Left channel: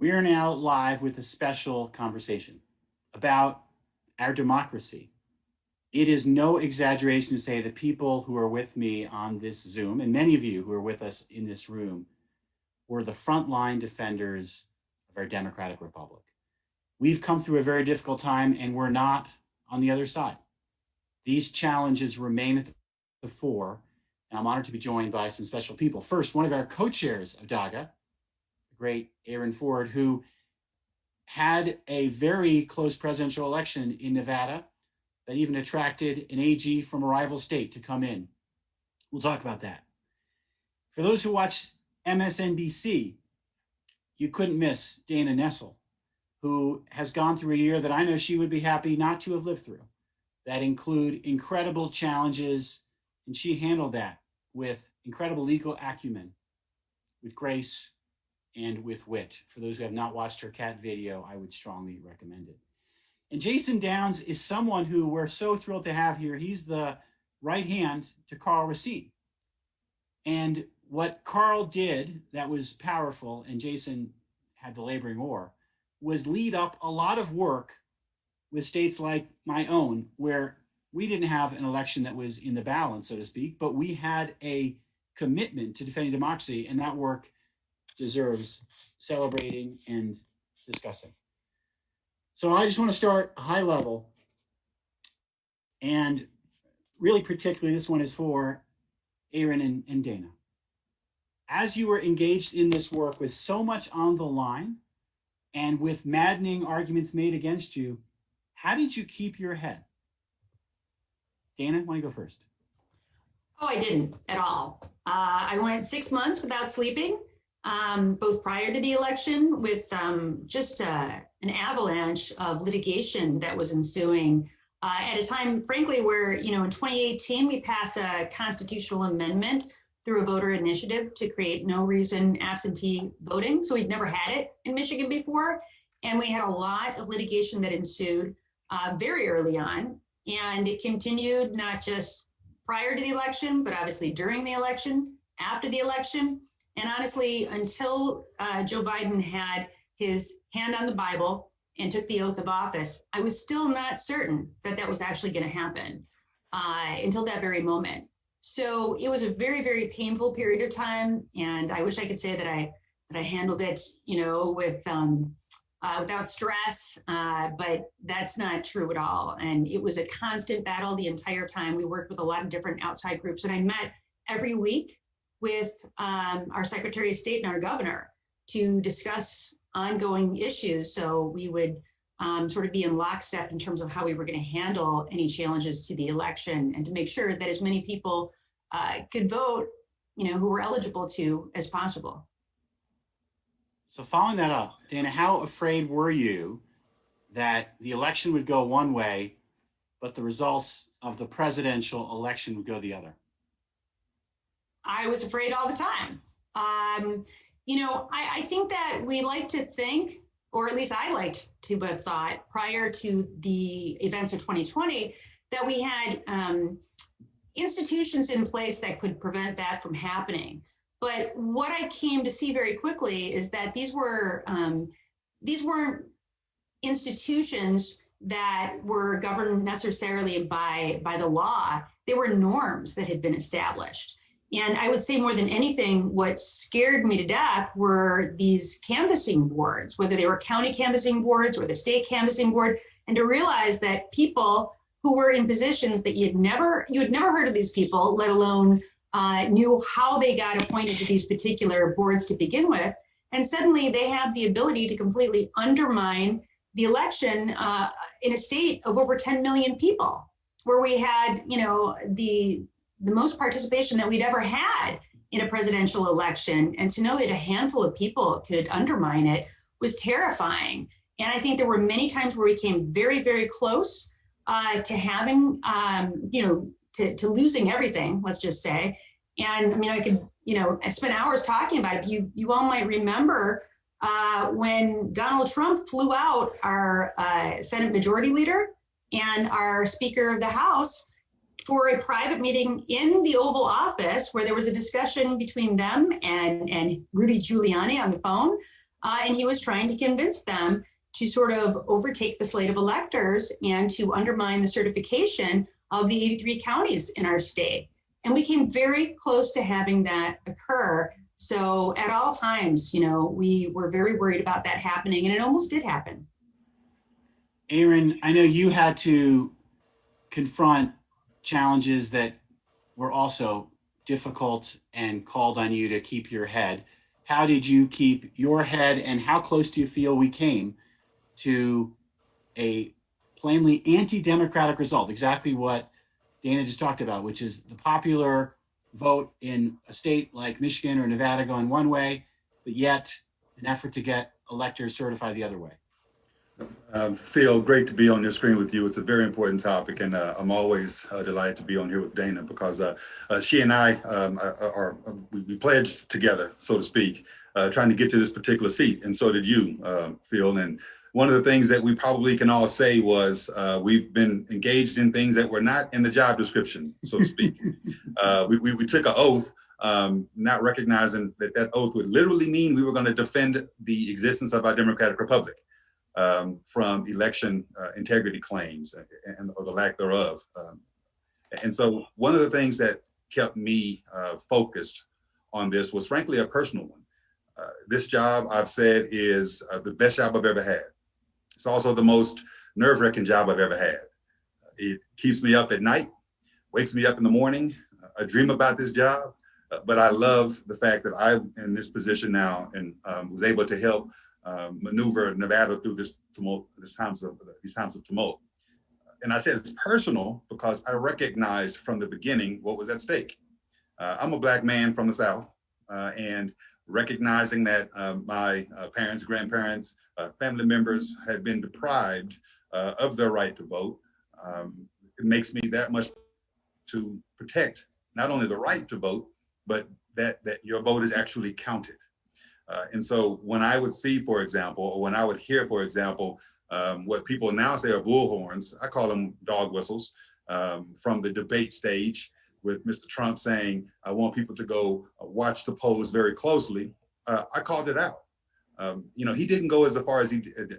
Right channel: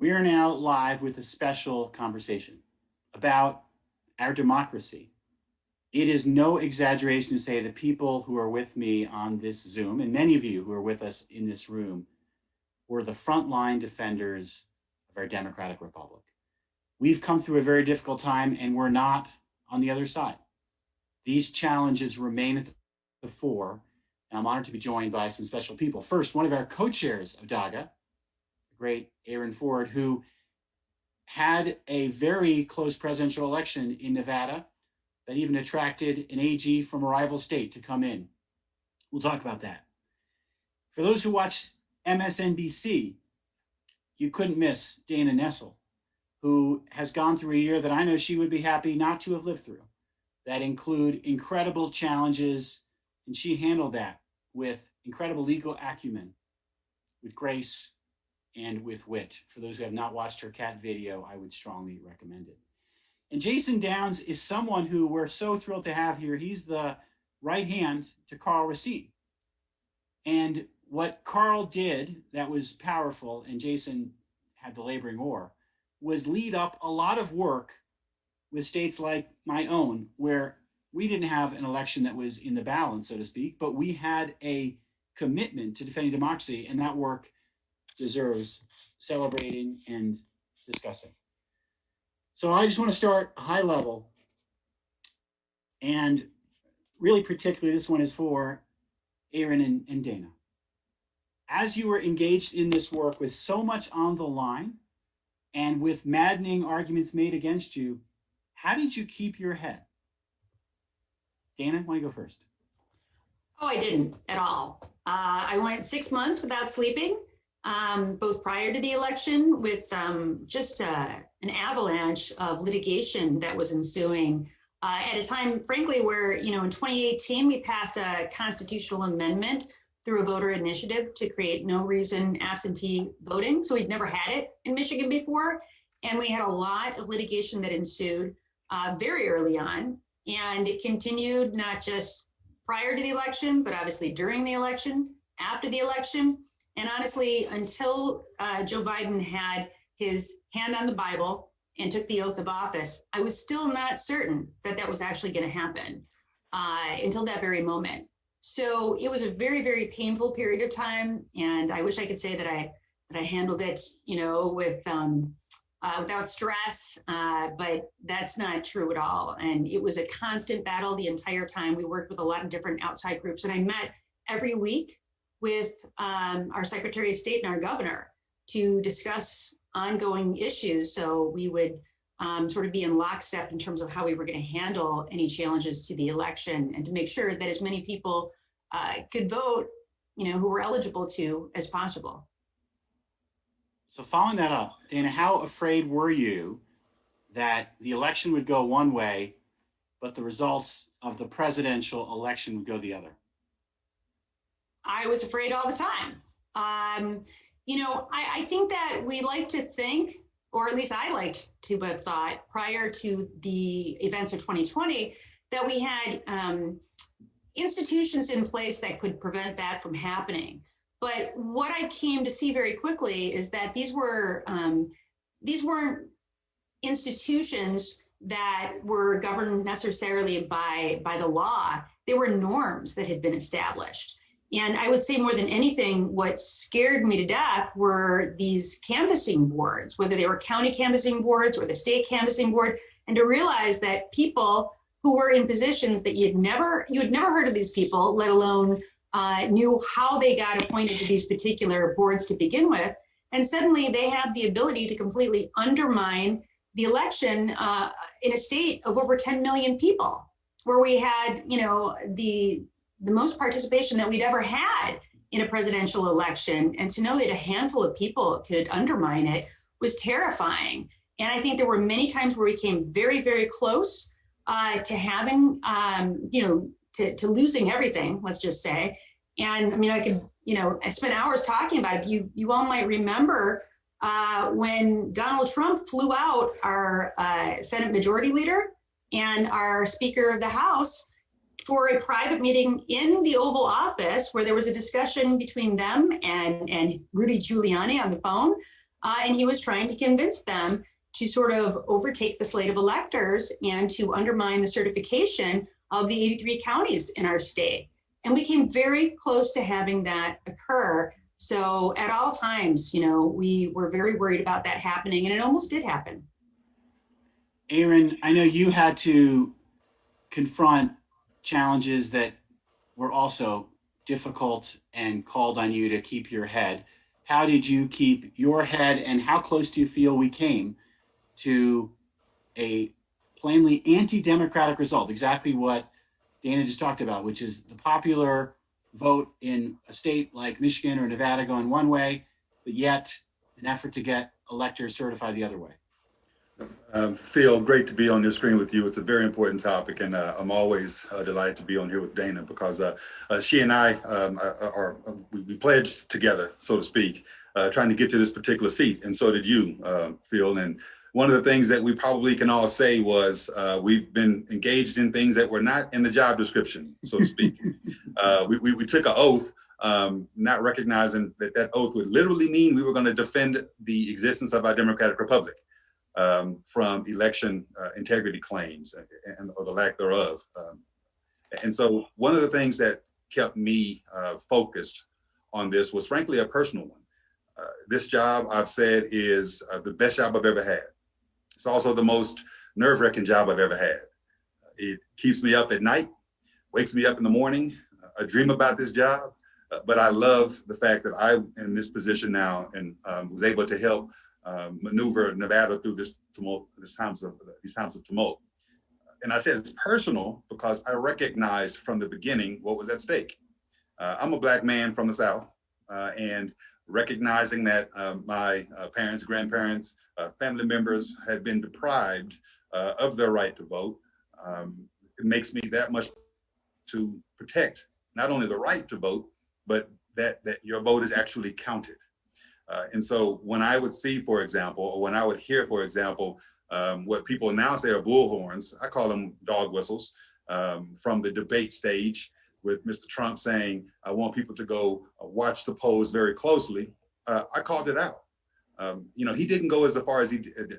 We are now live with a special conversation about our democracy. It is no exaggeration to say the people who are with me on this Zoom, and many of you who are with us in this room, were the frontline defenders of our democratic republic. We've come through a very difficult time, and we're not on the other side. These challenges remain at the fore, and I'm honored to be joined by some special people. First, one of our co-chairs of DAGA, great Aaron Ford, who had a very close presidential election in Nevada that even attracted an AG from a rival state to come in. We'll talk about that. For those who watch MSNBC, you couldn't miss Dana Nessel, who has gone through a year that I know she would be happy not to have lived through, that include incredible challenges, and she handled that with incredible legal acumen, with grace, and with wit. For those who have not watched her cat video, I would strongly recommend it. And Jason Downs is someone who we're so thrilled to have here. He's the right hand to Carl Racine. And what Carl did that was powerful, and Jason had the laboring oar, was lead up a lot of work with states like my own, where we didn't have an election that was in the balance, so to speak, but we had a commitment to defending democracy, and that work deserves celebrating and discussing. So I just want to start high level, and really particularly this one is for Aaron and Dana. As you were engaged in this work with so much on the line and with maddening arguments made against you, how did you keep your head? Dana, why don't you go first? Oh, I didn't at all. I went 6 months without sleeping, both prior to the election with just an avalanche of litigation that was ensuing at a time, frankly, where, in 2018, we passed a constitutional amendment through a voter initiative to create no reason absentee voting. So we'd never had it in Michigan before. And we had a lot of litigation that ensued very early on. And it continued not just prior to the election, but obviously during the election, after the election, and honestly, until Joe Biden had his hand on the Bible and took the oath of office, I was still not certain that that was actually going to happen until that very moment. So it was a very, very painful period of time, and I wish I could say that I handled it, with without stress, but that's not true at all. And it was a constant battle the entire time. We worked with a lot of different outside groups, and I met every week with our Secretary of State and our governor to discuss ongoing issues. So we would sort of be in lockstep in terms of how we were going to handle any challenges to the election and to make sure that as many people could vote, who were eligible to as possible. So following that up, Dana, how afraid were you that the election would go one way, but the results of the presidential election would go the other? I was afraid all the time. I think that we like to think, or at least I liked to have thought prior to the events of 2020, that we had institutions in place that could prevent that from happening. But what I came to see very quickly is that these weren't institutions that were governed necessarily by the law. They were norms that had been established. And I would say more than anything, what scared me to death were these canvassing boards, whether they were county canvassing boards or the state canvassing board, and to realize that people who were in positions that you had never heard of these people, let alone knew how they got appointed to these particular boards to begin with. And suddenly they have the ability to completely undermine the election in a state of over 10 million people, where we had, the most participation that we'd ever had in a presidential election. And to know that a handful of people could undermine it was terrifying. And I think there were many times where we came very, very close to having, to losing everything, let's just say. And I mean, I could, I spent hours talking about it. You all might remember when Donald Trump flew out our Senate Majority Leader and our Speaker of the House for a private meeting in the Oval Office, where there was a discussion between them and Rudy Giuliani on the phone And he was trying to convince them to sort of overtake the slate of electors and to undermine the certification of the 83 counties in our state. And we came very close to having that occur. So at all times, we were very worried about that happening, and it almost did happen. Aaron, I know you had to confront challenges that were also difficult and called on you to keep your head. How did you keep your head, and how close do you feel we came to a plainly anti-democratic result? Exactly what Dana just talked about, which is the popular vote in a state like Michigan or Nevada going one way, but yet an effort to get electors certified the other way. Phil, great to be on your screen with you. It's a very important topic, and I'm always delighted to be on here with Dana because she and I we pledged together, so to speak, trying to get to this particular seat, and so did you, Phil. And one of the things that we probably can all say was we've been engaged in things that were not in the job description, so to speak. We took an oath, not recognizing that oath would literally mean we were going to defend the existence of our democratic republic. From election integrity claims or the lack thereof. And so one of the things that kept me focused on this was frankly a personal one. This job, I've said, is the best job I've ever had. It's also the most nerve-wracking job I've ever had. It keeps me up at night, wakes me up in the morning. I dream about this job, but I love the fact that I'm in this position now and was able to help maneuver Nevada through this tumult, these times of tumult. And I said it's personal because I recognized from the beginning what was at stake. I'm a Black man from the South, and recognizing that my parents, grandparents, family members had been deprived of their right to vote, it makes me that much to protect not only the right to vote, but that your vote is actually counted. And so when I would see, for example, or when I would hear, for example, what people now say are bullhorns, I call them dog whistles, from the debate stage with Mr. Trump saying, I want people to go watch the polls very closely, I called it out. He didn't go as far as he did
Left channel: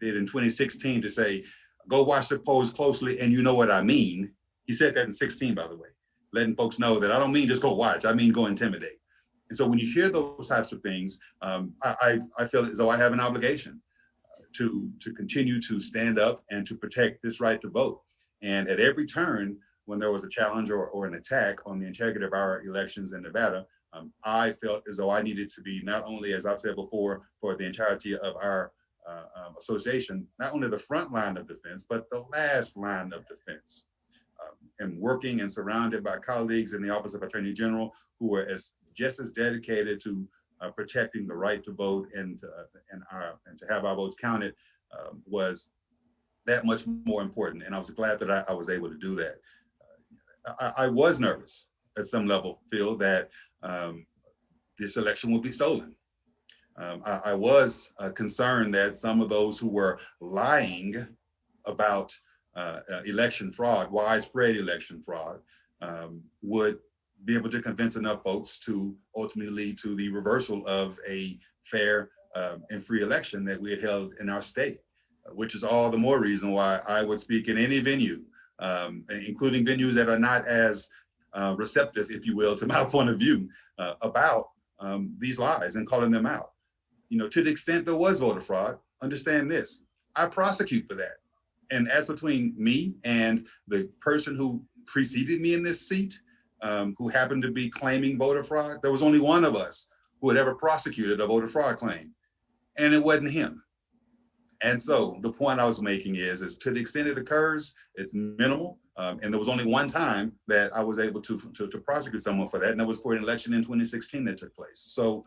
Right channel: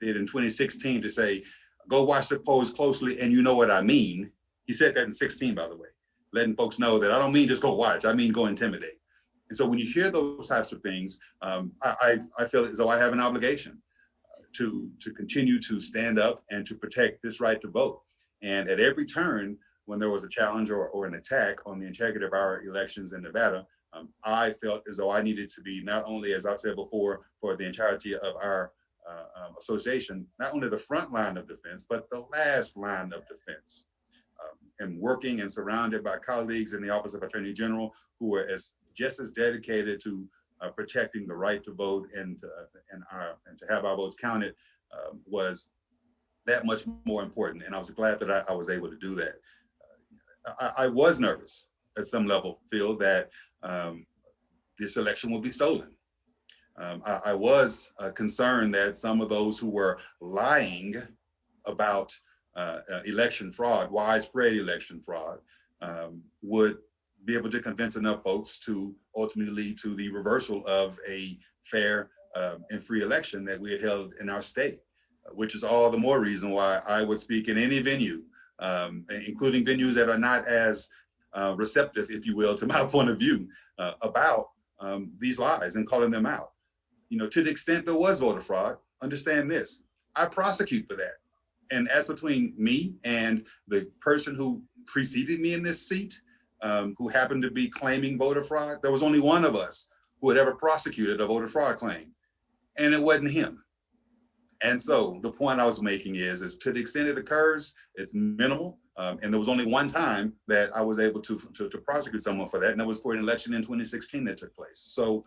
in 2016 to say, go watch the polls closely and you know what I mean. He said that in 16, by the way, letting folks know that I don't mean just go watch, I mean go intimidate. And so when you hear those types of things, I feel as though I have an obligation to continue to stand up and to protect this right to vote. And at every turn, when there was a challenge or an attack on the integrity of our elections in Nevada, I felt as though I needed to be not only, as I've said before, for the entirety of our association, not only the front line of defense, but the last line of defense. And working and surrounded by colleagues in the Office of Attorney General who were just as dedicated to protecting the right to vote and to have our votes counted was that much more important. And I was glad that I was able to do that. I was nervous at some level, Phil, that this election would be stolen. I was concerned that some of those who were lying about election fraud, widespread election fraud, would be able to convince enough folks to ultimately lead to the reversal of a fair and free election that we had held in our state, which is all the more reason why I would speak in any venue, including venues that are not as receptive, if you will, to my point of view about these lies and calling them out. To the extent there was voter fraud, understand this, I prosecute for that. And as between me and the person who preceded me in this seat, who happened to be claiming voter fraud, there was only one of us who had ever prosecuted a voter fraud claim, and it wasn't him. And so the point I was making is to the extent it occurs, it's minimal. And there was only one time that I was able to prosecute someone for that, and that was for an election in 2016 that took place. So,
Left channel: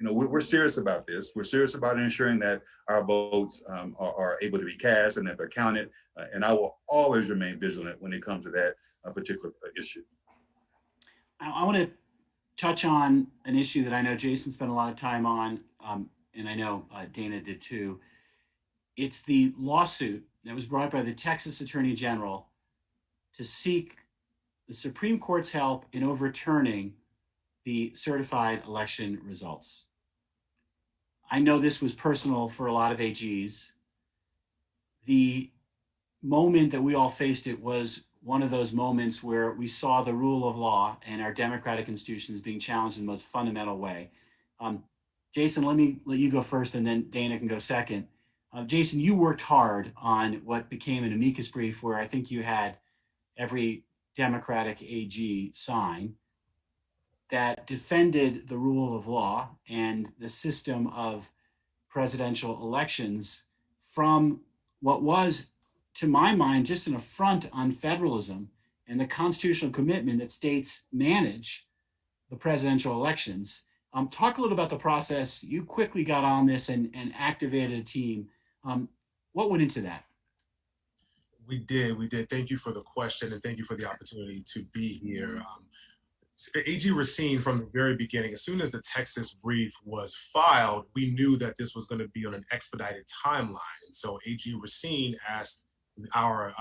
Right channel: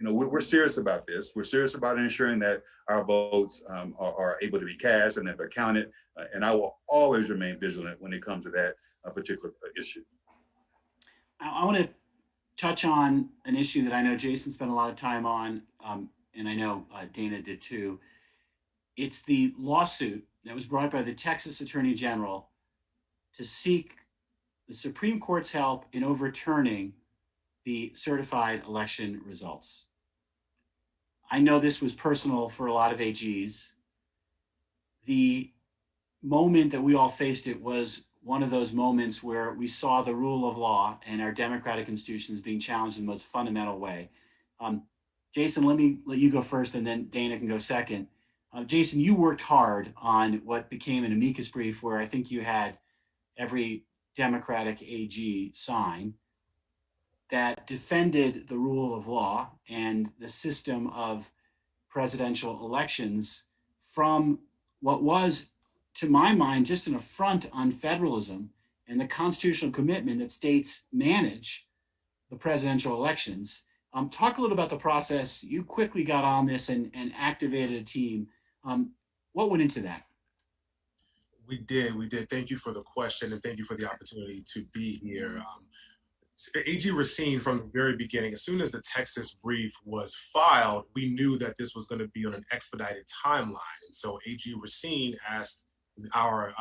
we're serious about this. We're serious about ensuring that our votes are able to be cast and that they're counted. And I will always remain vigilant when it comes to that particular issue. I want to touch on an issue that I know Jason spent a lot of time on, and I know Dana did too. It's the lawsuit that was brought by the Texas Attorney General to seek the Supreme Court's help in overturning the certified election results. I know this was personal for a lot of AGs. The moment that we all faced it was one of those moments where we saw the rule of law and our democratic institutions being challenged in the most fundamental way. Um, Jason, let me let you go first, and then Dana can go second. Jason, you worked hard on what became an amicus brief where I think you had every Democratic AG sign that defended the rule of law and the system of presidential elections from what was, to my mind, just an affront on federalism and the constitutional commitment that states manage the presidential elections. Talk a little about the process. You quickly got on this and activated a team. What went into that? We did. Thank you for the question, and thank you for the opportunity to be here. AG Racine, from the very beginning, as soon as the Texas brief was filed, we knew that this was going to be on an expedited timeline. And so AG Racine asked our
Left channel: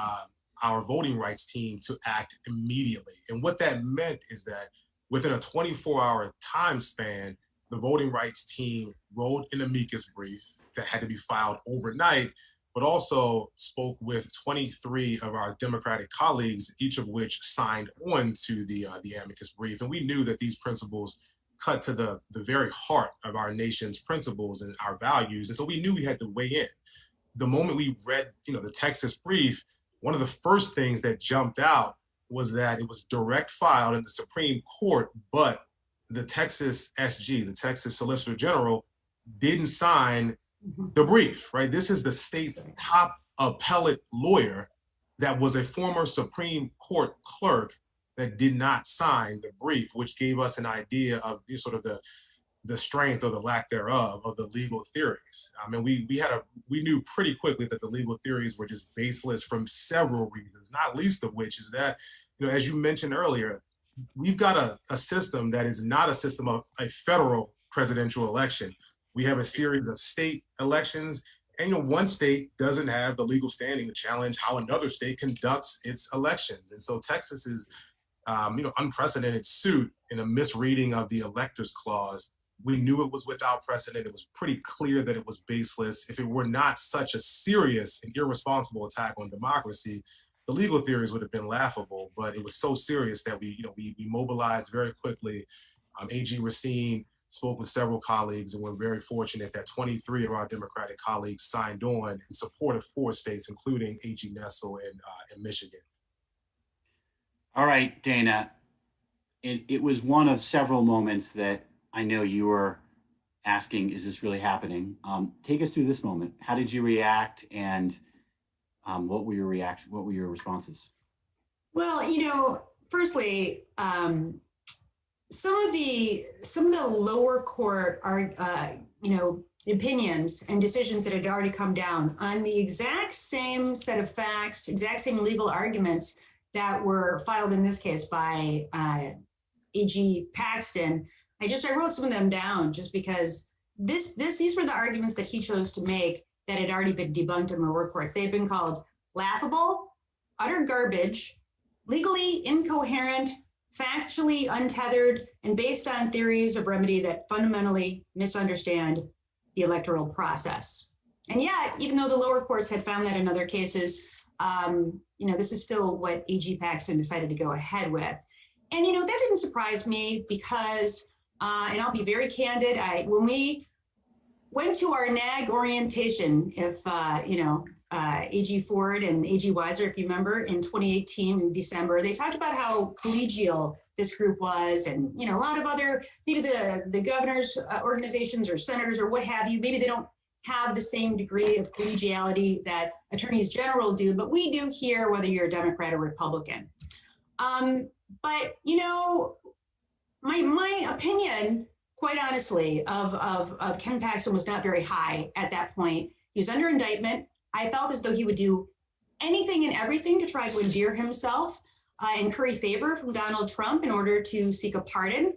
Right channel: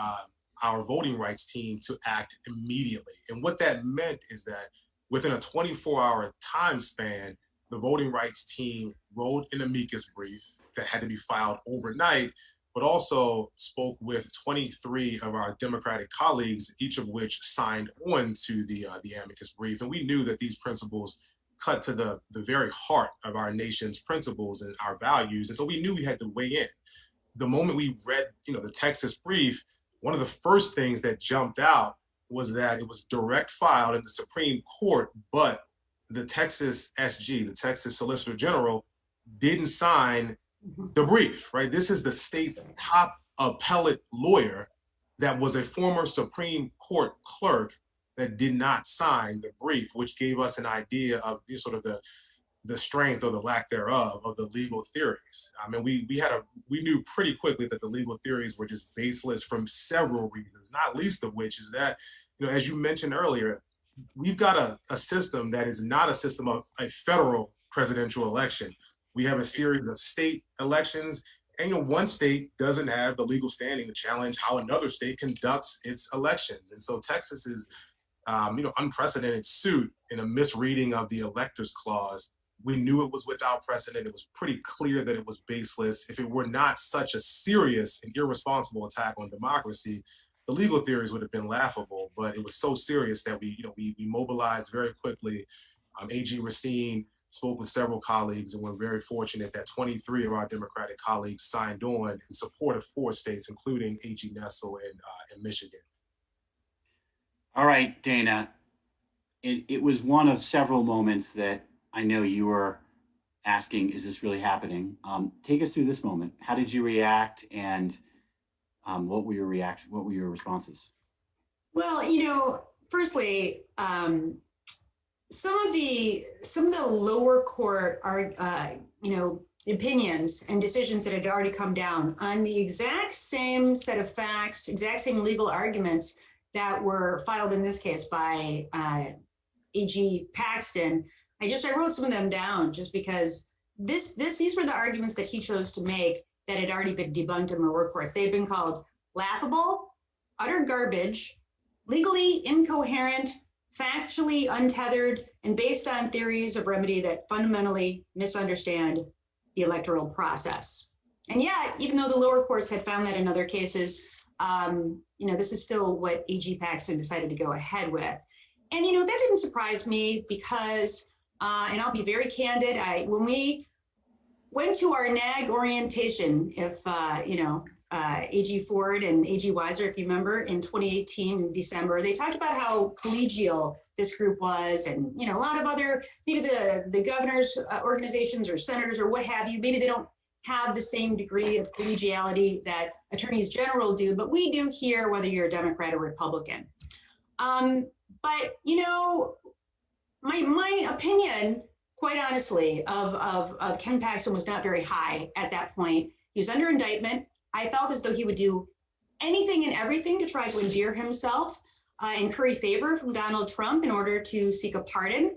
voting rights team to act immediately. And what that meant is that within a 24-hour time span, the voting rights team wrote an amicus brief that had to be filed overnight, but also spoke with 23 of our Democratic colleagues, each of which signed on to the amicus brief. And we knew that these principles cut to the very heart of our nation's principles and our values. And so we knew we had to weigh in. The moment we read, the Texas brief, one of the first things that jumped out was that it was direct filed in the Supreme Court, but the Texas SG, the Texas Solicitor General, didn't sign the brief, right? This is the state's top appellate lawyer that was a former Supreme Court clerk that did not sign the brief, which gave us an idea of sort of the strength or the lack thereof of the legal theories. I mean, we knew pretty quickly that the legal theories were just baseless from several reasons, not least of which is that, as you mentioned earlier, we've got a system that is not a system of a federal presidential election. We have a series of state elections, and one state doesn't have the legal standing to challenge how another state conducts its elections. And so Texas is, unprecedented suit in a misreading of the electors clause. We knew it was without precedent. It was pretty clear that it was baseless. If it were not such a serious and irresponsible attack on democracy, the legal theories would have been laughable. But it was so serious that we mobilized very quickly. AG Racine spoke with several colleagues, and we're very fortunate that 23 of our Democratic colleagues signed on in support of 4 states, including AG Nessel and Michigan. All right, Dana. It was one of several moments that I know you were asking, is this really happening? Take us through this moment. How did you react, and what were your reactions? What were your responses? Well, firstly, some of the lower court are, opinions and decisions that had already come down on the exact same set of facts, exact same legal arguments that were filed in this case by AG Paxton. I wrote some of them down just because these were the arguments that he chose to make that had already been debunked in the lower courts. They had been called laughable, utter garbage, legally incoherent, factually untethered, and based on theories of remedy that fundamentally misunderstand the electoral process. And yet, even though the lower courts had found that in other cases, this is still what AG Paxton decided to go ahead with. And, that didn't surprise me because, and I'll be very candid, when we went to our NAG orientation, AG Ford and AG Weiser, if you remember, in 2018 in December, they talked about how collegial this group was, and a lot of other, maybe the governor's organizations or senators or what have you, maybe they don't have the same degree of collegiality that attorneys general do, but we do here, whether you're a Democrat or Republican. But my opinion, quite honestly, of Ken Paxton was not very high at that point. He was under indictment. I felt as though he would do anything and everything to try to endear himself and curry favor from Donald Trump in order to seek a pardon.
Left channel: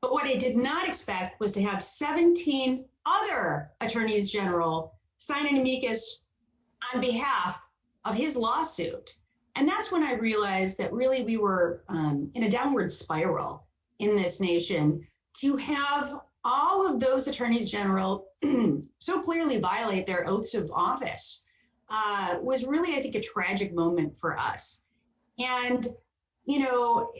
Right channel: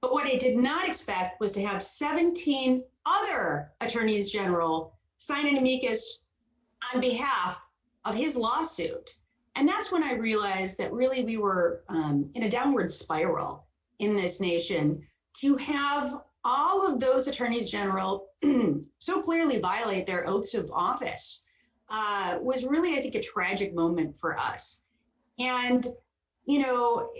But what I did not expect was to have 17 other attorneys general sign an amicus on behalf of his lawsuit. And that's when I realized that really we were in a downward spiral in this nation to have all of those attorneys general so clearly violate their oaths of office was really, I think, a tragic moment for us. And, you know,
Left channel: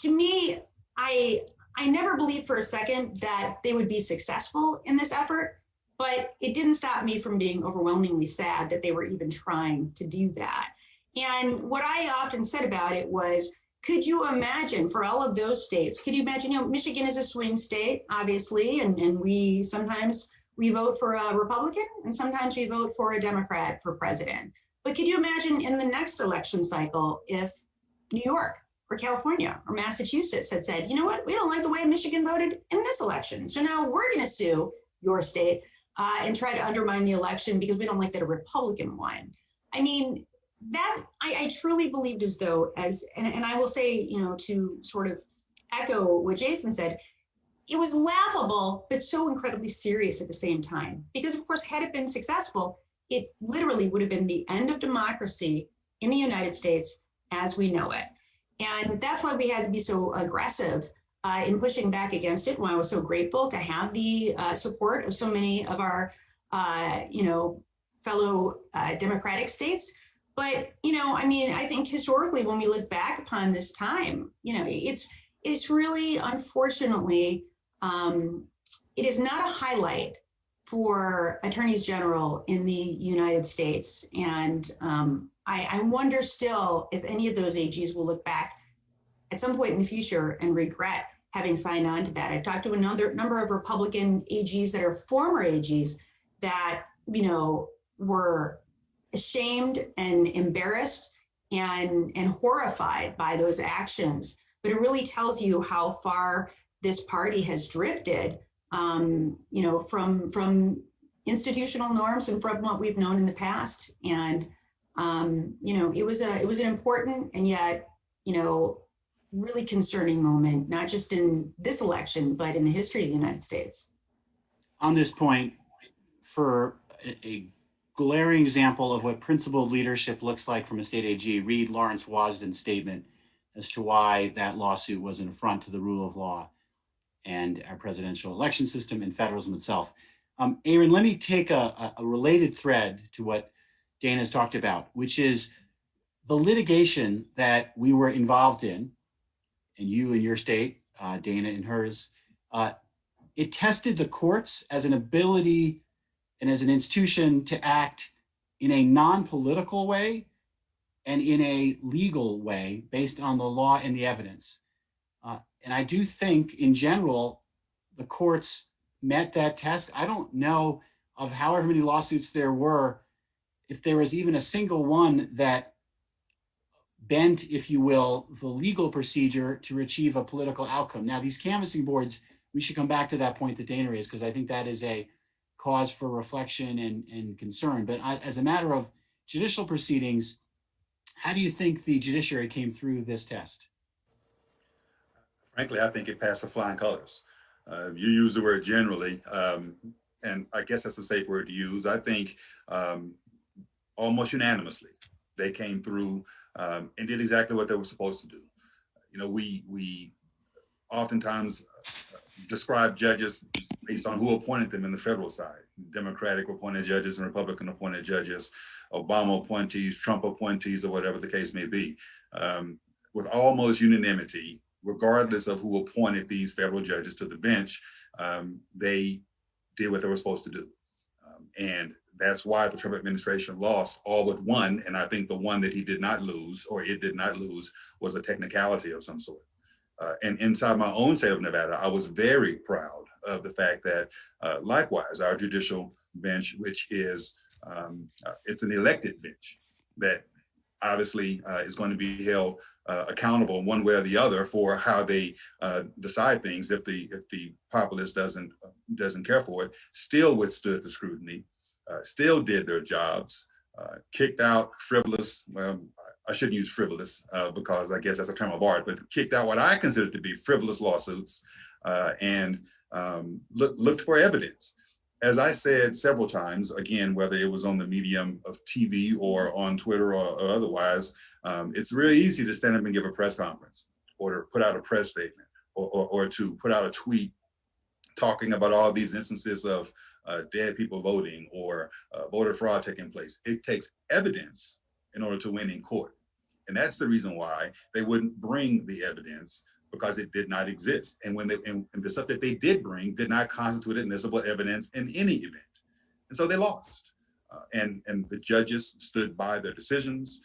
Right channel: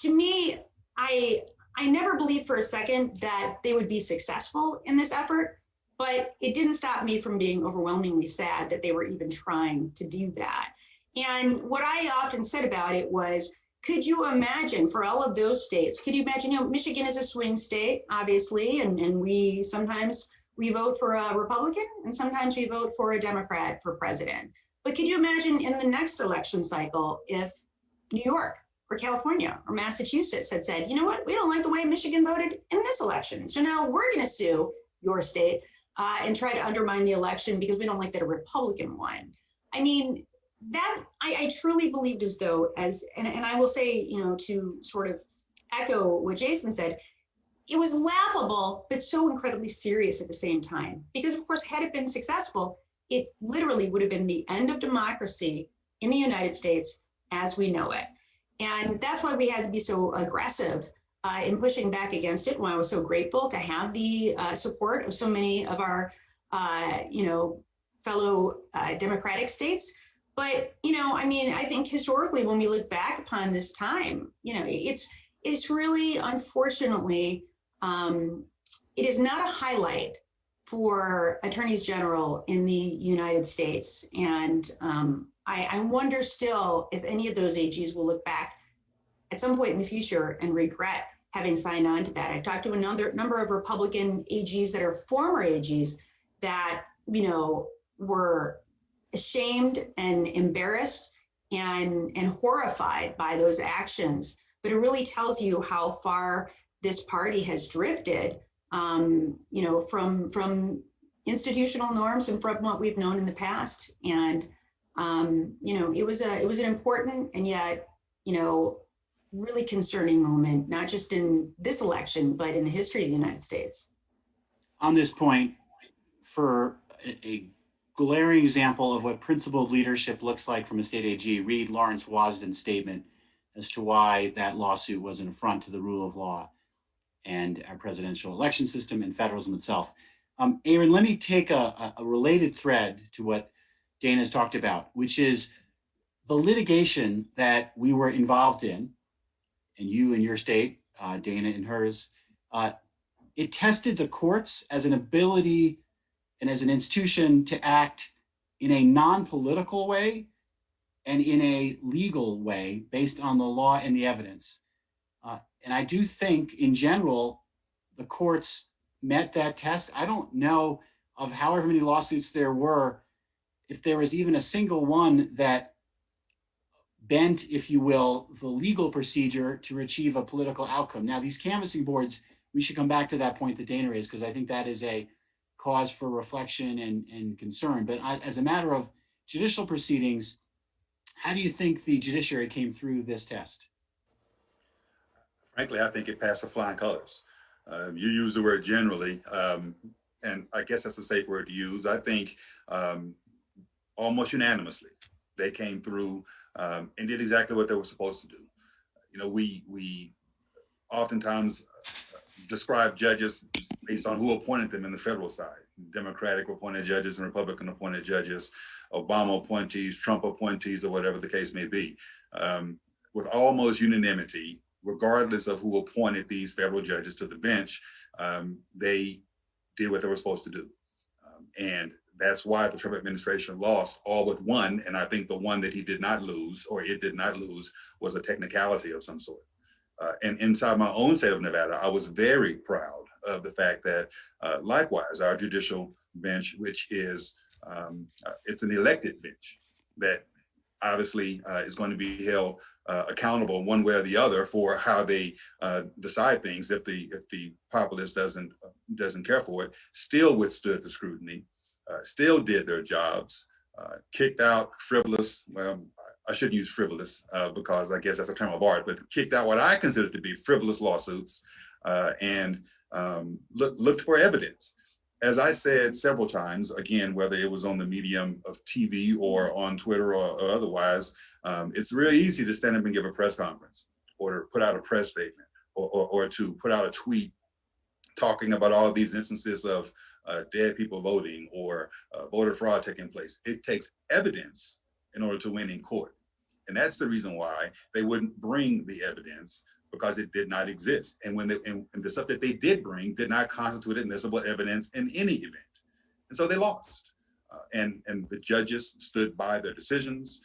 to me, I never believed for a second that they would be successful in this effort, but it didn't stop me from being overwhelmingly sad that they were even trying to do that. And what I often said about it was, could you imagine for all of those states, could you imagine, you know, Michigan is a swing state, obviously, and we sometimes we vote for a Republican and sometimes we vote for a Democrat for president. But could you imagine in the next election cycle if New York or California or Massachusetts had said, you know what, we don't like the way Michigan voted in this election, so now we're going to sue your state and try to undermine the election because we don't like that a Republican won. I mean, that I truly believed as though, and I will say, you know, to sort of echo what Jason said, it was laughable, but so incredibly serious at the same time. Because of course, had it been successful, it literally would have been the end of democracy in the United States as we know it. And that's why we had to be so aggressive in pushing back against it. And why I was so grateful to have the support of so many of our, you know, fellow democratic states. But, you know, I mean, I think historically, when we look back upon this time, you know, it's really, unfortunately, it is not a highlight for attorneys general in the United States. And I wonder still if any of those AGs will look back at some point in the future and regret having signed on to that. I've talked to a number of Republican AGs that are former AGs that, you know, were ashamed and embarrassed and horrified by those actions. But it really tells you how far this party has drifted, you know, from institutional norms and from what we've known in the past. And you know, it was an important and yet, you know, really concerning moment, not just in this election, but in the history of the United States. On this point, for a glaring example of what principled leadership looks like from a state AG, read Lawrence Wasden's statement as to why that lawsuit was an affront to the rule of law and our presidential election system and federalism itself. Aaron, let me take a related thread to what Dana's talked about, which is the litigation that we were involved in, and you in your state, Dana in hers. It tested the courts as an ability and as an institution to act in a non-political way and in a legal way based on the law and the evidence. And I do think in general, the courts met that test. I don't know of however many lawsuits there were, if there was even a single one that bent, if you will, the legal procedure to achieve a political outcome. Now, these canvassing boards, we should come back to that point that Dana raised, because I think that is a cause for reflection and concern. But as a matter of judicial proceedings, how do you think the judiciary came through this test? Frankly, I think it passed with flying colors. You use the word generally, and I guess that's a safe word to use. I think almost unanimously, they came through and did exactly what they were supposed to do. You know, we oftentimes describe judges based on who appointed them in the federal side. Democratic appointed judges and Republican appointed judges, Obama appointees, Trump appointees, or whatever the case may be. With almost unanimity, regardless of who appointed these federal judges to the bench, they did what they were supposed to do. And that's why the Trump administration lost all but one. And I think the one that he did not lose, or it did not lose, was a technicality of some sort. And inside my own state of Nevada, I was very proud of the fact that, likewise, our judicial bench, which is, it's an elected bench that obviously is going to be held accountable one way or the other for how they decide things. If the populace doesn't care for it, still withstood the scrutiny, still did their jobs, kicked out frivolous. Well, I shouldn't use frivolous because I guess that's a term of art, but kicked out what I consider to be frivolous lawsuits and looked for evidence. As I said several times, again, whether it was on the medium of TV or on Twitter or otherwise, it's really easy to stand up and give a press conference or to put out a press statement or to put out a tweet talking about all these instances of dead people voting or voter fraud taking place. It takes evidence in order to win in court. And that's the reason why they wouldn't bring the evidence, because it did not exist. And when and the stuff that they did bring did not constitute admissible evidence in any event. And so they lost. And the judges stood by their decisions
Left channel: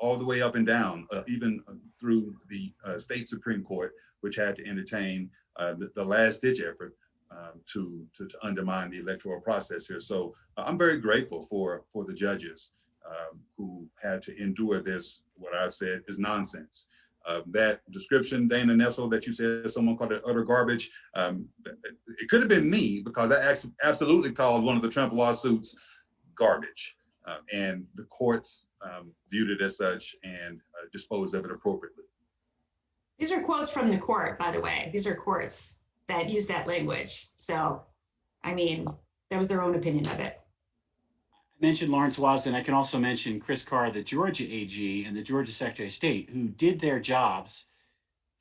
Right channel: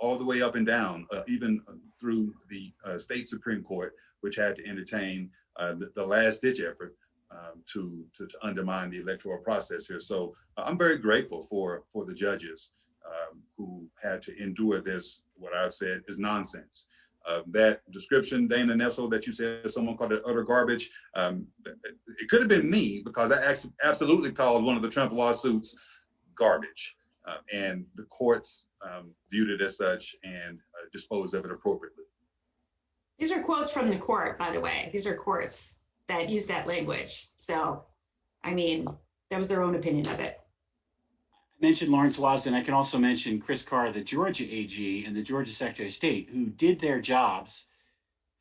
all the way up and down, even through the state Supreme Court, which had to entertain the last ditch effort to undermine the electoral process here. So I'm very grateful for the judges who had to endure this, what I've said is nonsense. That description, Dana Nessel, that you said someone called it utter garbage, it could have been me, because I absolutely called one of the Trump lawsuits garbage. And the courts viewed it as such and disposed of it appropriately. These are quotes from the court, by the way. These are courts that use that language. So, I mean, that was their own opinion of it. I mentioned Lawrence Wasden. I can also mention Chris Carr, the Georgia AG, and the Georgia Secretary of State, who did their jobs.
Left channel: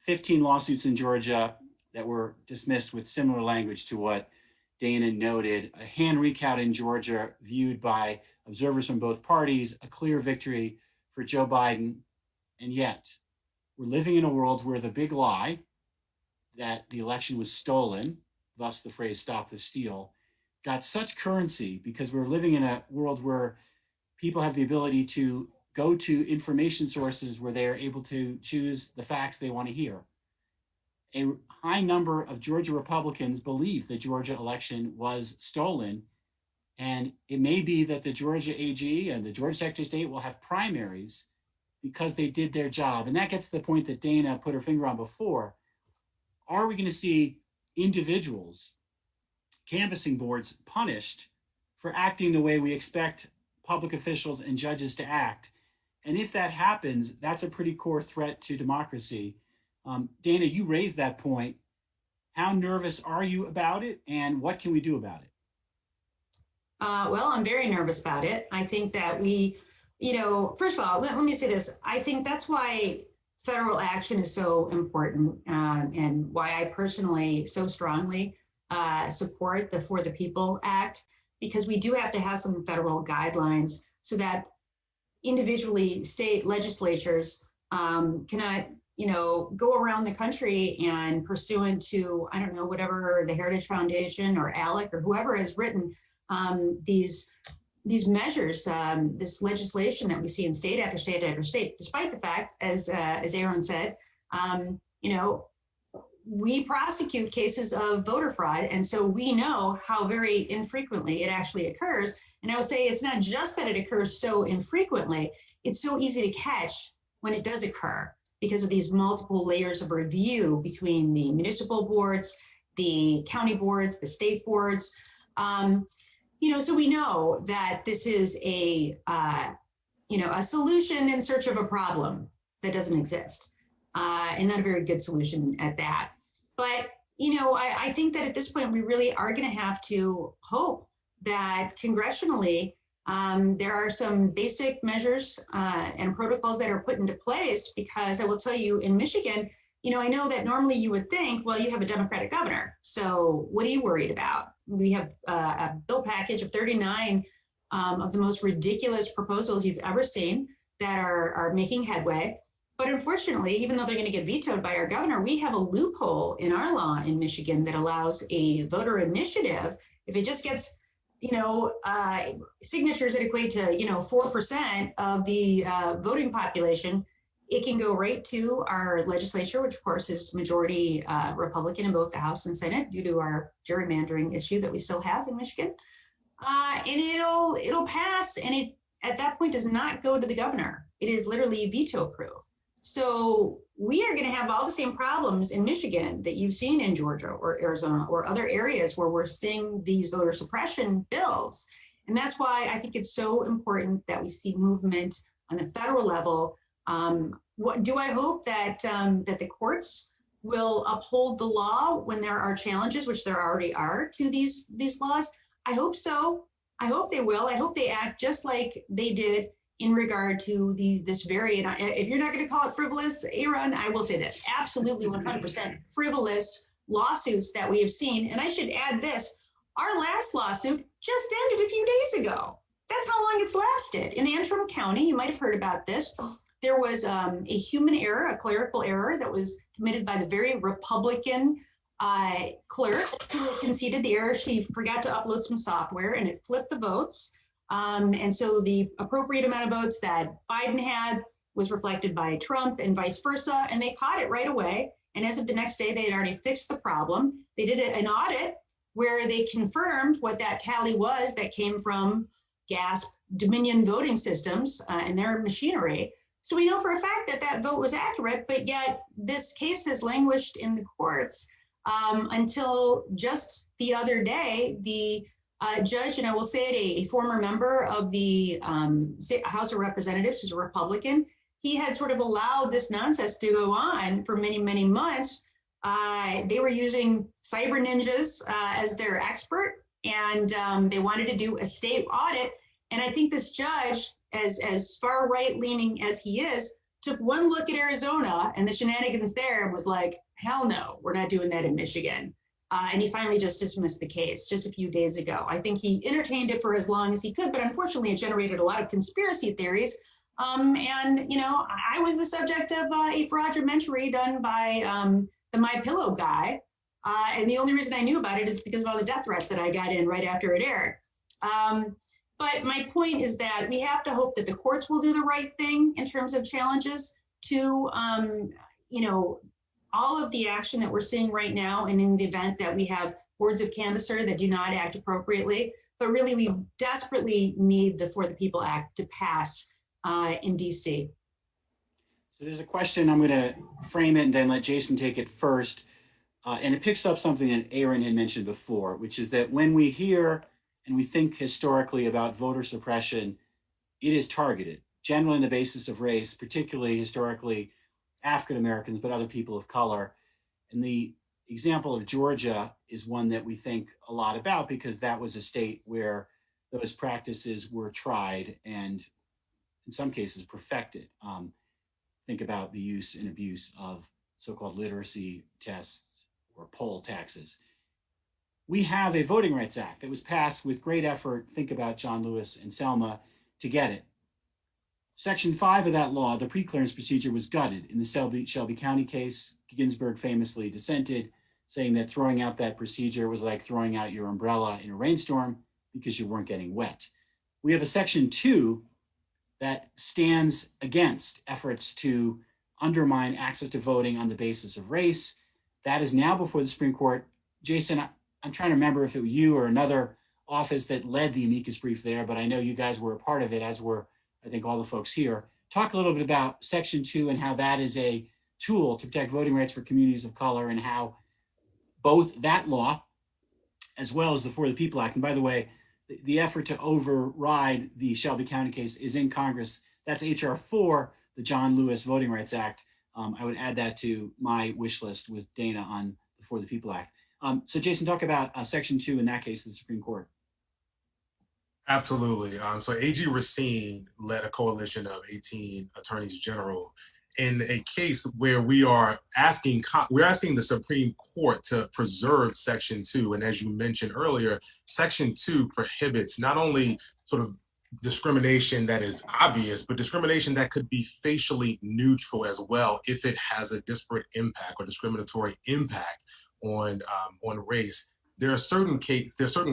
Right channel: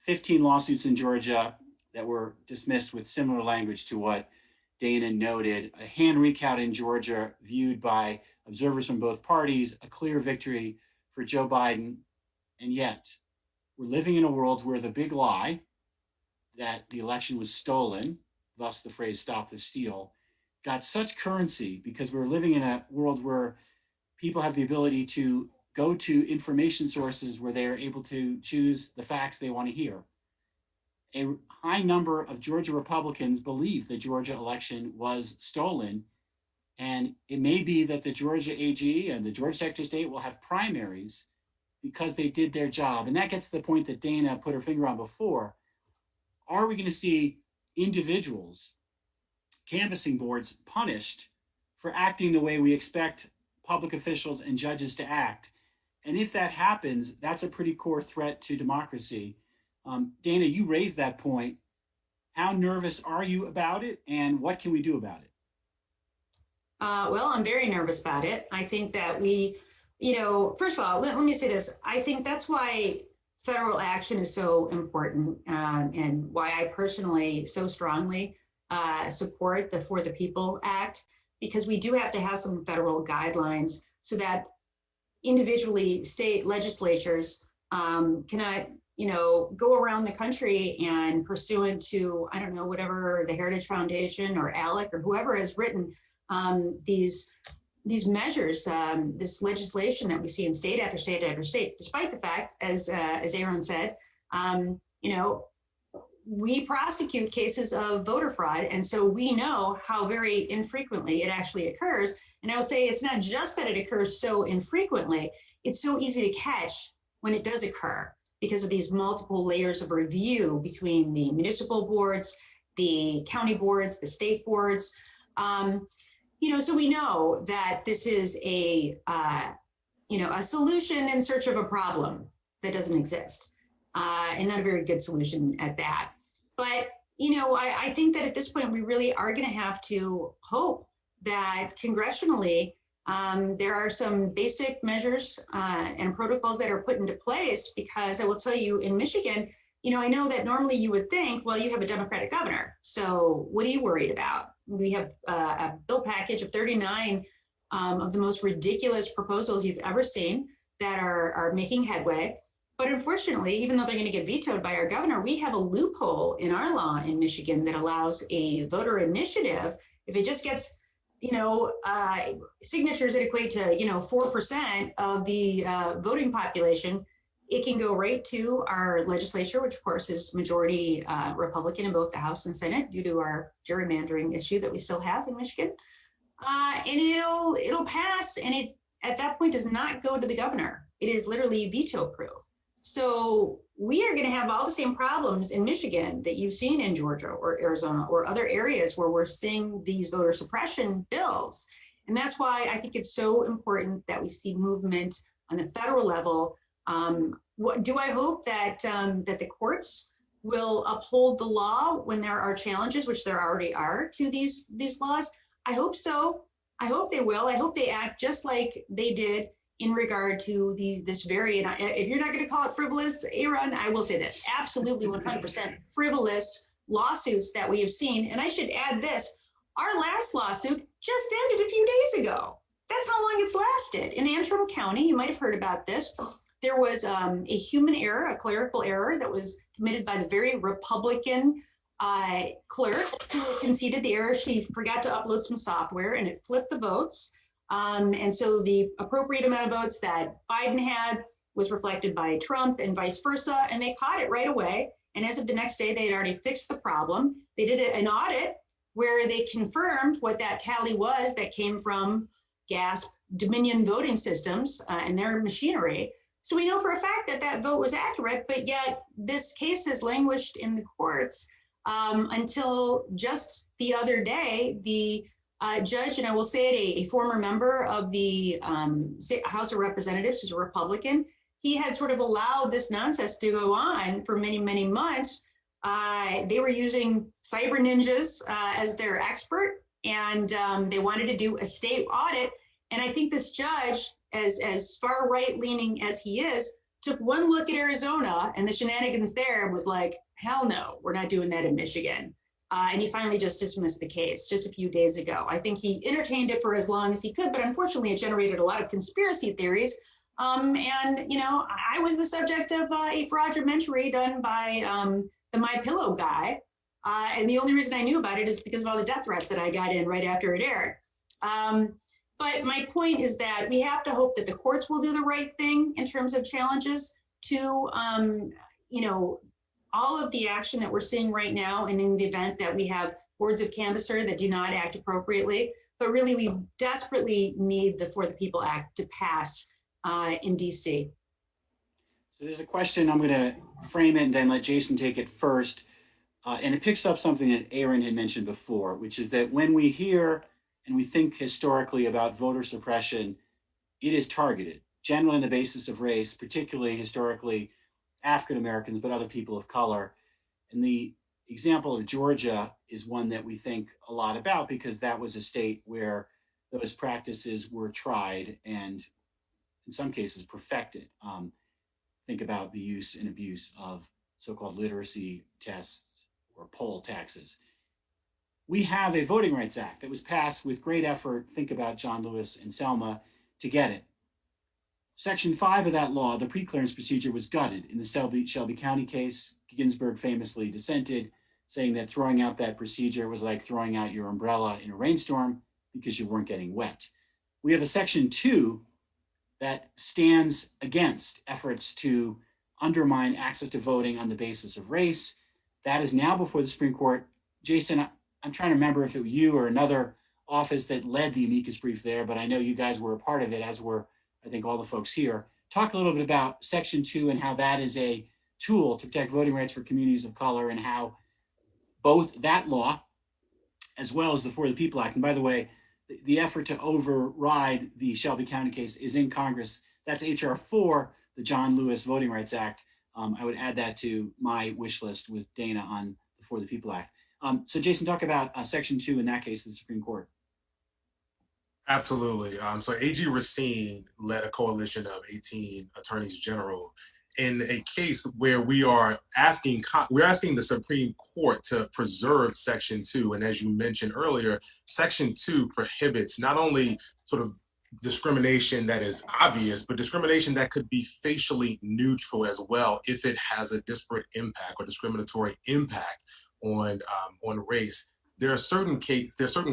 15 lawsuits in Georgia that were dismissed with similar language to what Dana noted. A hand recount in Georgia viewed by observers from both parties, a clear victory for Joe Biden. And yet, we're living in a world where the big lie that the election was stolen, thus the phrase "stop the steal," got such currency because we're living in a world where people have the ability to go to information sources where they are able to choose the facts they want to hear. A high number of Georgia Republicans believe the Georgia election was stolen, and it may be that the Georgia AG and the Georgia Secretary of State will have primaries because they did their job. And that gets to the point that Dana put her finger on before. Are we going to see individuals, canvassing boards, punished for acting the way we expect public officials and judges to act? And if that happens, that's a pretty core threat to democracy. Dana, you raised that point. How nervous are you about it, and what can we do about it? Well, I'm very nervous about it. I think that we, first of all, let me say this. I think that's why federal action is so important, and why I personally so strongly support the For the People Act, because we do have to have some federal guidelines so that individually state legislatures cannot, go around the country and pursuant to, I don't know, whatever the Heritage Foundation or ALEC or whoever has written these measures, this legislation that we see in state after state after state, despite the fact, as Aaron said, we prosecute cases of voter fraud. And so we know how very infrequently it actually occurs. And I would say it's not just that it occurs so infrequently, it's so easy to catch when it does occur because of these multiple layers of review between the municipal boards, the county boards, the state boards. So we know that this is a solution in search of a problem that doesn't exist, and not a very good solution at that. But, I think that at this point, we really are going to have to hope that congressionally, there are some basic measures and protocols that are put into place, because I will tell you in Michigan, I know that normally you would think, well, you have a Democratic governor, so what are you worried about? We have a bill package of 39 of the most ridiculous proposals you've ever seen that are making headway. But unfortunately, even though they're going to get vetoed by our governor, we have a loophole in our law in Michigan that allows a voter initiative, if it just gets, signatures that equate to, 4% of the voting population, it can go right to our legislature, which of course is majority Republican in both the House and Senate due to our gerrymandering issue that we still have in Michigan. And it'll pass, and it at that point does not go to the governor. It is literally veto proof. So we are going to have all the same problems in Michigan that you've seen in Georgia or Arizona or other areas where we're seeing these voter suppression bills. And that's why I think it's so important that we see movement on the federal level. Do I hope that that the courts will uphold the law when there are challenges, which there already are to these laws? I hope so. I hope they will. I hope they act just like they did in regard to this very, and if you're not going to call it frivolous, Aaron, I will say this, absolutely 100% frivolous lawsuits that we have seen. And I should add this, our last lawsuit just ended a few days ago. That's how long it's lasted. In Antrim County, you might have heard about this. There was a human error, a clerical error that was committed by the very Republican clerk who conceded the error. She forgot to upload some software and it flipped the votes. And so the appropriate amount of votes that Biden had was reflected by Trump and vice versa. And they caught it right away. And as of the next day, they had already fixed the problem. They did an audit where they confirmed what that tally was that came from GASP Dominion voting systems and their machinery. So we know for a fact that that vote was accurate, but yet this case has languished in the courts until just the other day. The judge, and I will say it, a former member of the House of Representatives, who's a Republican, he had sort of allowed this nonsense to go on for many, many months. They were using cyber ninjas as their expert, and they wanted to do a state audit. And I think this judge, as far right leaning as he is, took one look at Arizona and the shenanigans there and was like, hell no, we're not doing that in Michigan. And he finally just dismissed the case just a few days ago. I think he entertained it for as long as he could, but unfortunately it generated a lot of conspiracy theories. And, you know, I was the subject of a fraudumentary done by the My Pillow guy. And the only reason I knew about it is because of all the death threats that I got in right after it aired. But my point is that we have to hope that the courts will do the right thing in terms of challenges to, you know, all of the action that we're seeing right now, and in the event that we have boards of canvasser that do not act appropriately. But really, we desperately need the For the People Act to pass in DC. So there's a question, I'm going to frame it and then let Jason take it first. And it picks up something that Aaron had mentioned before, which is that when we hear and we think historically about voter suppression, it is targeted, generally on the basis of race, particularly historically African Americans, but other people of color. And the example of Georgia is one that we think a lot about because that was a state where those practices were tried and in some cases perfected. Think about the use and abuse of so-called literacy tests or poll taxes. We have a Voting Rights Act that was passed with great effort. Think about John Lewis and Selma to get it. Section 5 of that law, the preclearance procedure, was gutted. In the Shelby County case, Ginsburg famously dissented, saying that throwing out that procedure was like throwing out your umbrella in a rainstorm because you weren't getting wet. We have a Section 2 that stands against efforts to undermine access to voting on the basis of race. That is now before the Supreme Court. Jason, I'm trying to remember if it was you or another office that led the amicus brief there, but I know you guys were a part of it, as were, I think, all the folks here. Talk a little bit about Section 2 and how that is a tool to protect voting rights for communities of color, and how both that law as well as the For the People Act, and by the way, the effort to override the Shelby County case is in Congress. That's H.R. 4, the John Lewis Voting Rights Act. I would add that to my wish list with Dana on the For the People Act. So Jason, talk about Section 2 in that case of the Supreme Court. Absolutely. So AG Racine led a coalition of 18 attorneys general in a case where we are asking the Supreme Court to preserve Section 2. And as you mentioned earlier, Section 2 prohibits not only sort of discrimination that is obvious, but discrimination that could be facially neutral as well if it has a disparate impact or discriminatory impact on race. There are certain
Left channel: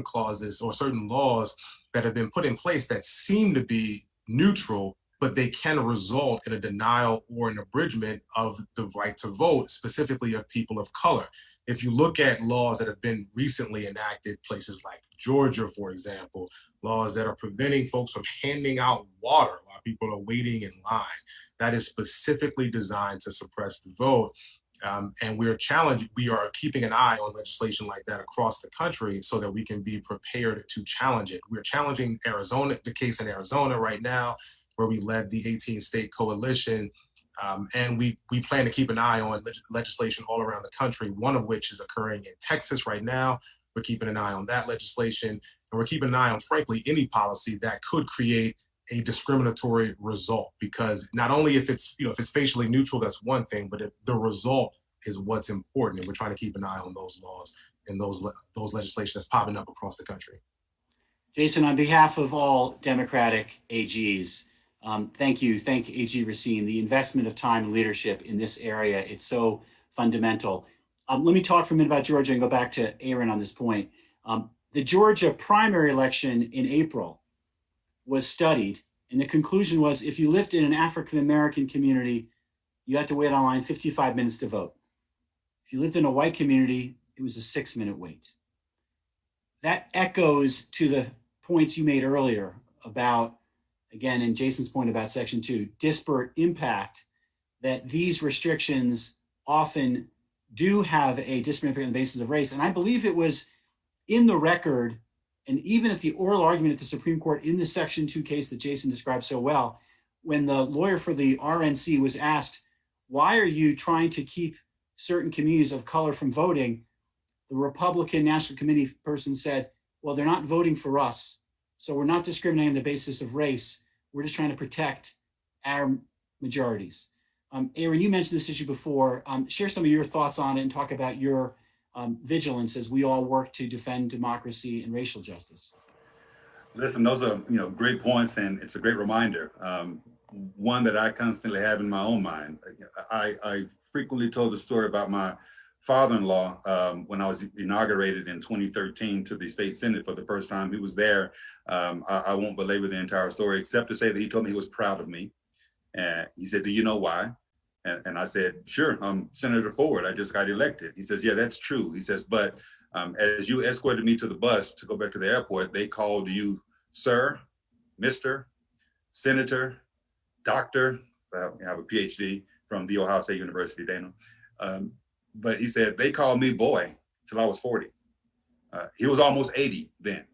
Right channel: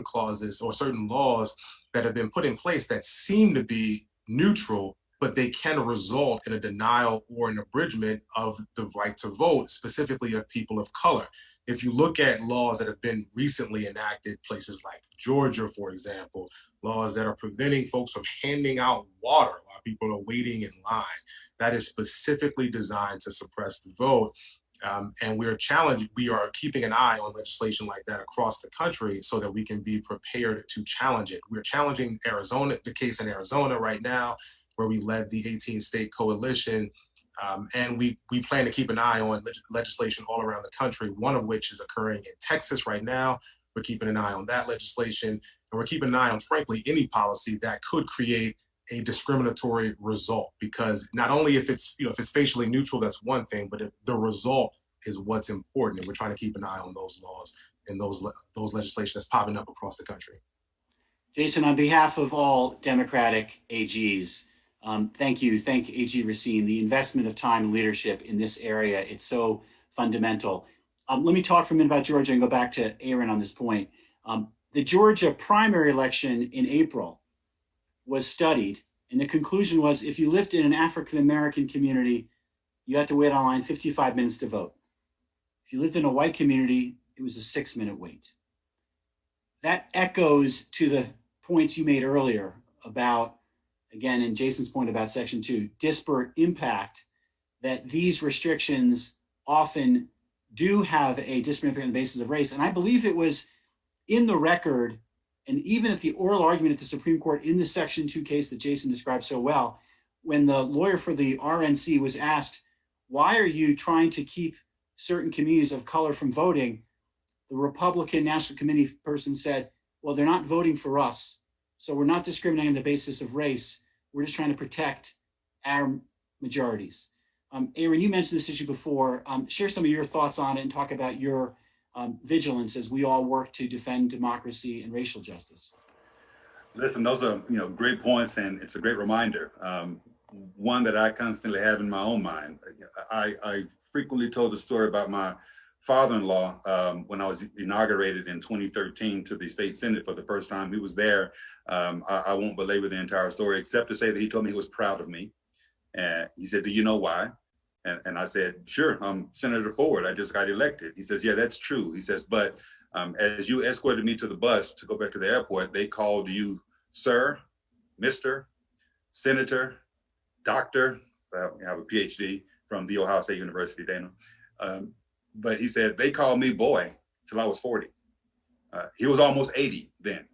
clauses or certain laws that have been put in place that seem to be neutral, but they can result in a denial or an abridgment of the right to vote, specifically of people of color. If you look at laws that have been recently enacted, places like Georgia, for example, laws that are preventing folks from handing out water while people are waiting in line, that is specifically designed to suppress the vote. And we are keeping an eye on legislation like that across the country so that we can be prepared to challenge it. We're challenging the case in Arizona right now, where we led the 18-state coalition. And we plan to keep an eye on legislation all around the country, one of which is occurring in Texas right now. We're keeping an eye on that legislation. And we're keeping an eye on, frankly, any policy that could create a discriminatory result, because not only if it's facially neutral, that's one thing, but if the result is what's important. And we're trying to keep an eye on those laws and those legislation that's popping up across the country. Jason, on behalf of all Democratic AGs, thank you. Thank AG Racine. The investment of time and leadership in this area, it's so fundamental. Let me talk for a minute about Georgia and go back to Aaron on this point. The Georgia primary election in April was studied, and the conclusion was if you lived in an African-American community, you had to wait online 55 minutes to vote. If you lived in a white community, it was a 6-minute wait. That echoes to the points you made earlier about, again, and Jason's point about Section 2, disparate impact, that these restrictions often do have a disparate impact on the basis of race. And I believe it was in the record, and even at the oral argument at the Supreme Court in the Section 2 case that Jason described so well, when the lawyer for the RNC was asked, why are you trying to keep certain communities of color from voting? The Republican National Committee person said, well, they're not voting for us, so we're not discriminating on the basis of race. We're just trying to protect our majorities. Aaron, you mentioned this issue before. Share some of your thoughts on it and talk about your vigilance as we all work to defend democracy and racial justice. Listen, those are great points, and it's a great reminder. One that I constantly have in my own mind. I frequently told the story about my father-in-law when I was inaugurated in 2013 to the state senate for the first time. He was there. I won't belabor the entire story except to say that he told me he was proud of me. And he said, do you know why? And I said, sure, I'm Senator Ford. I just got elected. He says, yeah, that's true. He says, but as you escorted me to the bus to go back to the airport, they called you sir, Mr., Senator, Doctor. So I have a PhD from The Ohio State University, Dana. But he said, they called me boy till I was 40. He was almost 80 then.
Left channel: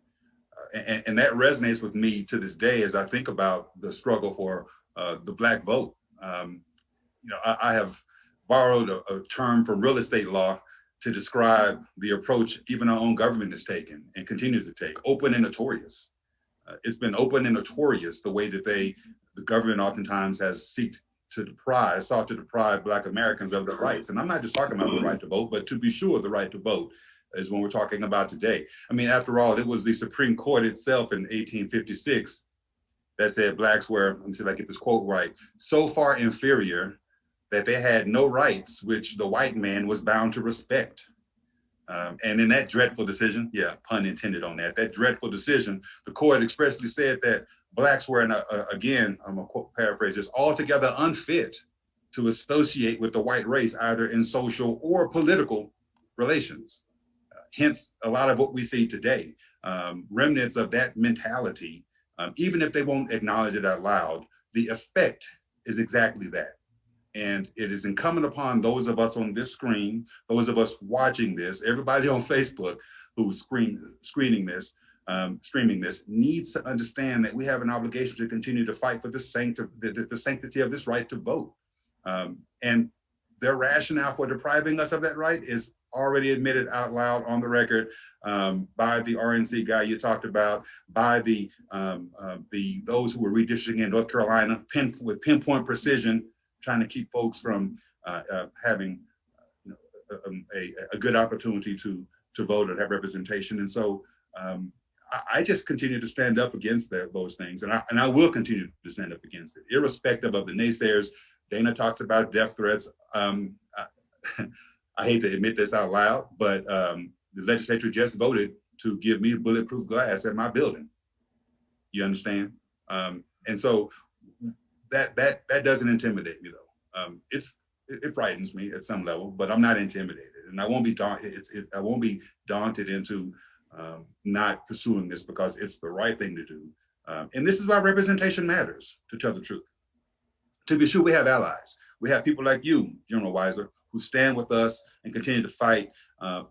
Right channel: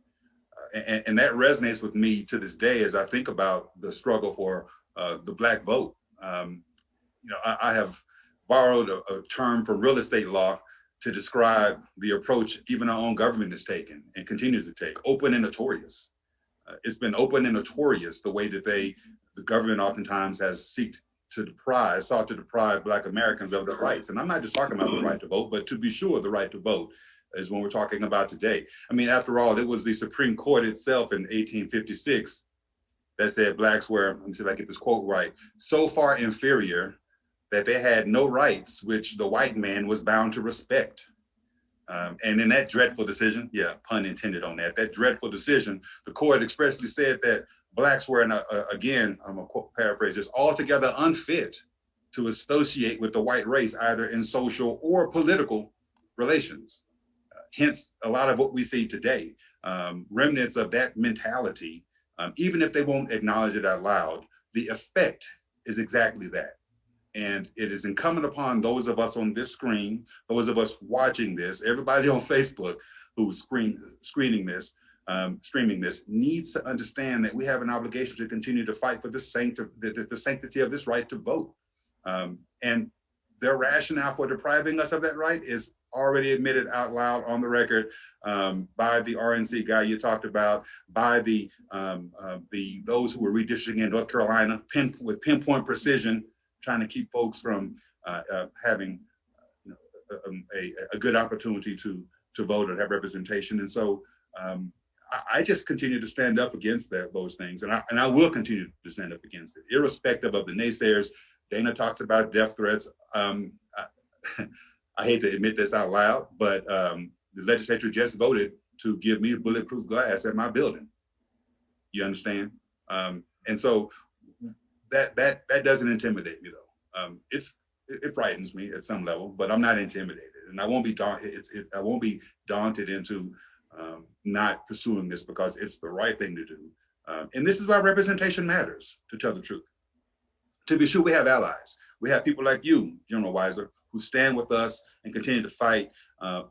And that resonates with me to this day as I think about the struggle for the Black vote. I have borrowed a term from real estate law to describe the approach even our own government has taken and continues to take, open and notorious. It's been open and notorious the way that the government oftentimes has sought to deprive Black Americans of their rights. And I'm not just talking about the right to vote, but to be sure the right to vote is what we're talking about today. I mean, after all, it was the Supreme Court itself in 1856 that said Blacks were, let me see if I get this quote right, so far inferior that they had no rights which the white man was bound to respect. And in that dreadful decision, yeah, pun intended on that dreadful decision, the court expressly said that Blacks were, again, I'm going to paraphrase this, altogether unfit to associate with the white race, either in social or political relations. Hence, a lot of what we see today, remnants of that mentality, even if they won't acknowledge it out loud, the effect is exactly that. And it is incumbent upon those of us on this screen, those of us watching this, everybody on Facebook who's streaming this, needs to understand that we have an obligation to continue to fight for the sanctity of this right to vote. And their rationale for depriving us of that right is already admitted out loud on the record by the RNC guy you talked about, by those who were redistricting in North Carolina with pinpoint precision, trying to keep folks from having a good opportunity to vote and have representation. And so I just continue to stand up against those things, and I will continue to stand up against it, irrespective of the naysayers. Dana talks about death threats. I hate to admit this out loud, but the legislature just voted to give me bulletproof glass at my building. You understand? And so that doesn't intimidate me, though. It frightens me at some level, but I'm not intimidated, and I won't be I won't be daunted into not pursuing this because it's the right thing to do. And this is why representation matters, to tell the truth. To be sure, we have allies. We have people like you, General Weiser, who stand with us and continue to fight.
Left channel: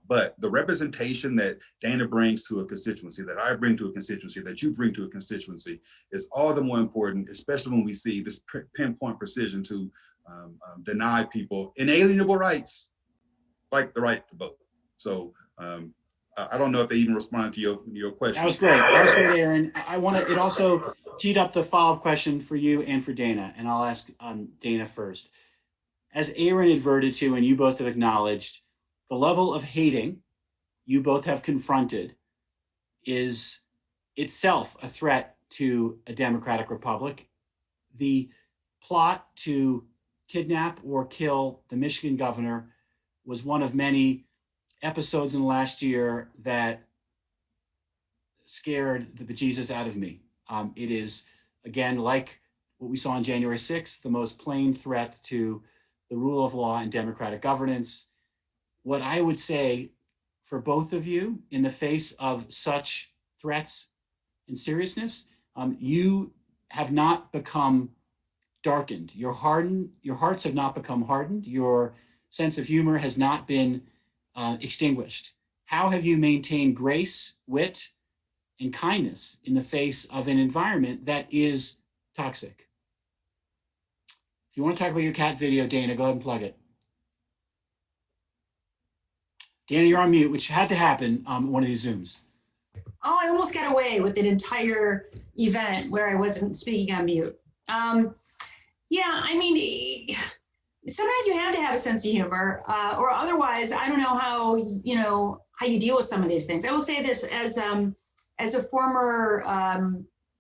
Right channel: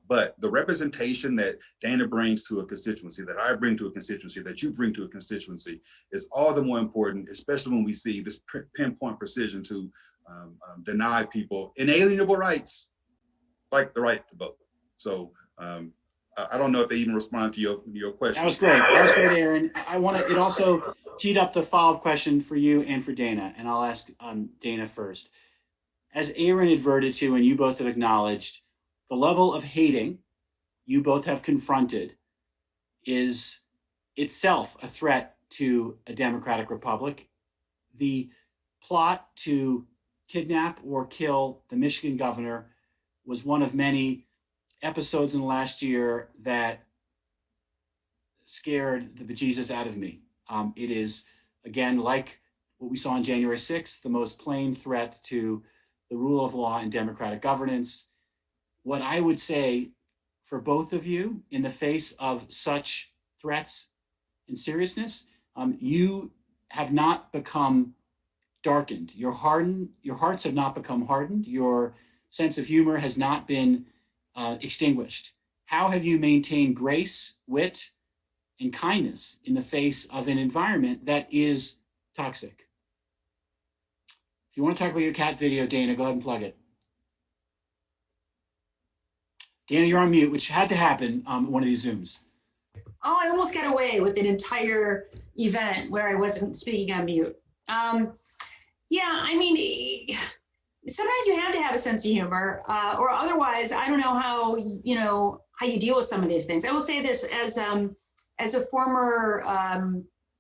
But the representation that Dana brings to a constituency, that I bring to a constituency, that you bring to a constituency is all the more important, especially when we see this pinpoint precision to deny people inalienable rights, like the right to vote. So I don't know if they even responded to your question. That was great. That was great, Aaron. It also teed up the follow-up question for you and for Dana, and I'll ask Dana first. as Aaron adverted to and you both have acknowledged, the level of hating you both have confronted is itself a threat to a democratic republic. The plot to kidnap or kill the Michigan governor was one of many episodes in the last year that scared the bejesus out of me. It is, again, like what we saw on January 6th, the most plain threat to the rule of law and democratic governance. What I would say for both of you in the face of such threats and seriousness, you have not become darkened. Your hearts have not become hardened. Your sense of humor has not been extinguished. How have you maintained grace, wit, and kindness in the face of an environment that is toxic? If you want to talk about your cat video, Dana, go ahead and plug it. Dana, you're on mute, which had to happen on one of these Zooms. Oh, I almost got away with an entire event where I wasn't speaking on mute. Yeah, I mean, sometimes you have to have a sense of humor, or otherwise, I don't know how you deal with some of these things. I will say this as a former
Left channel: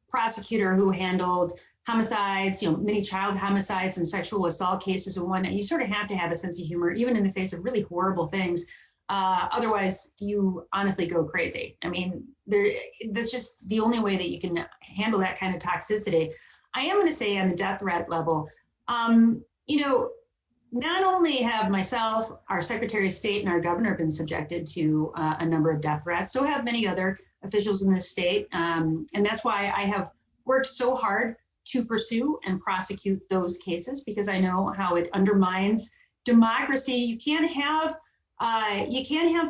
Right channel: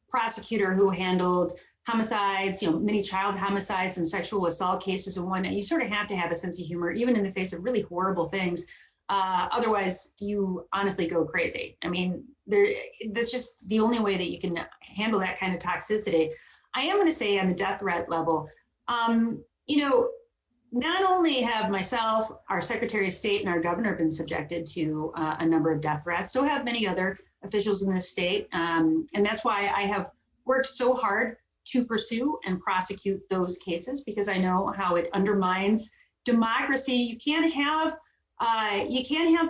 prosecutor who handled homicides, many child homicides and sexual assault cases and whatnot. You sort of have to have a sense of humor, even in the face of really horrible things. Otherwise, you honestly go crazy. I mean, that's just the only way that you can handle that kind of toxicity. I am going to say on the death threat level, not only have myself, our Secretary of State, and our governor been subjected to a number of death threats, so have many other officials in this state. And that's why I have worked so hard to pursue and prosecute those cases, because I know how it undermines democracy. You can't have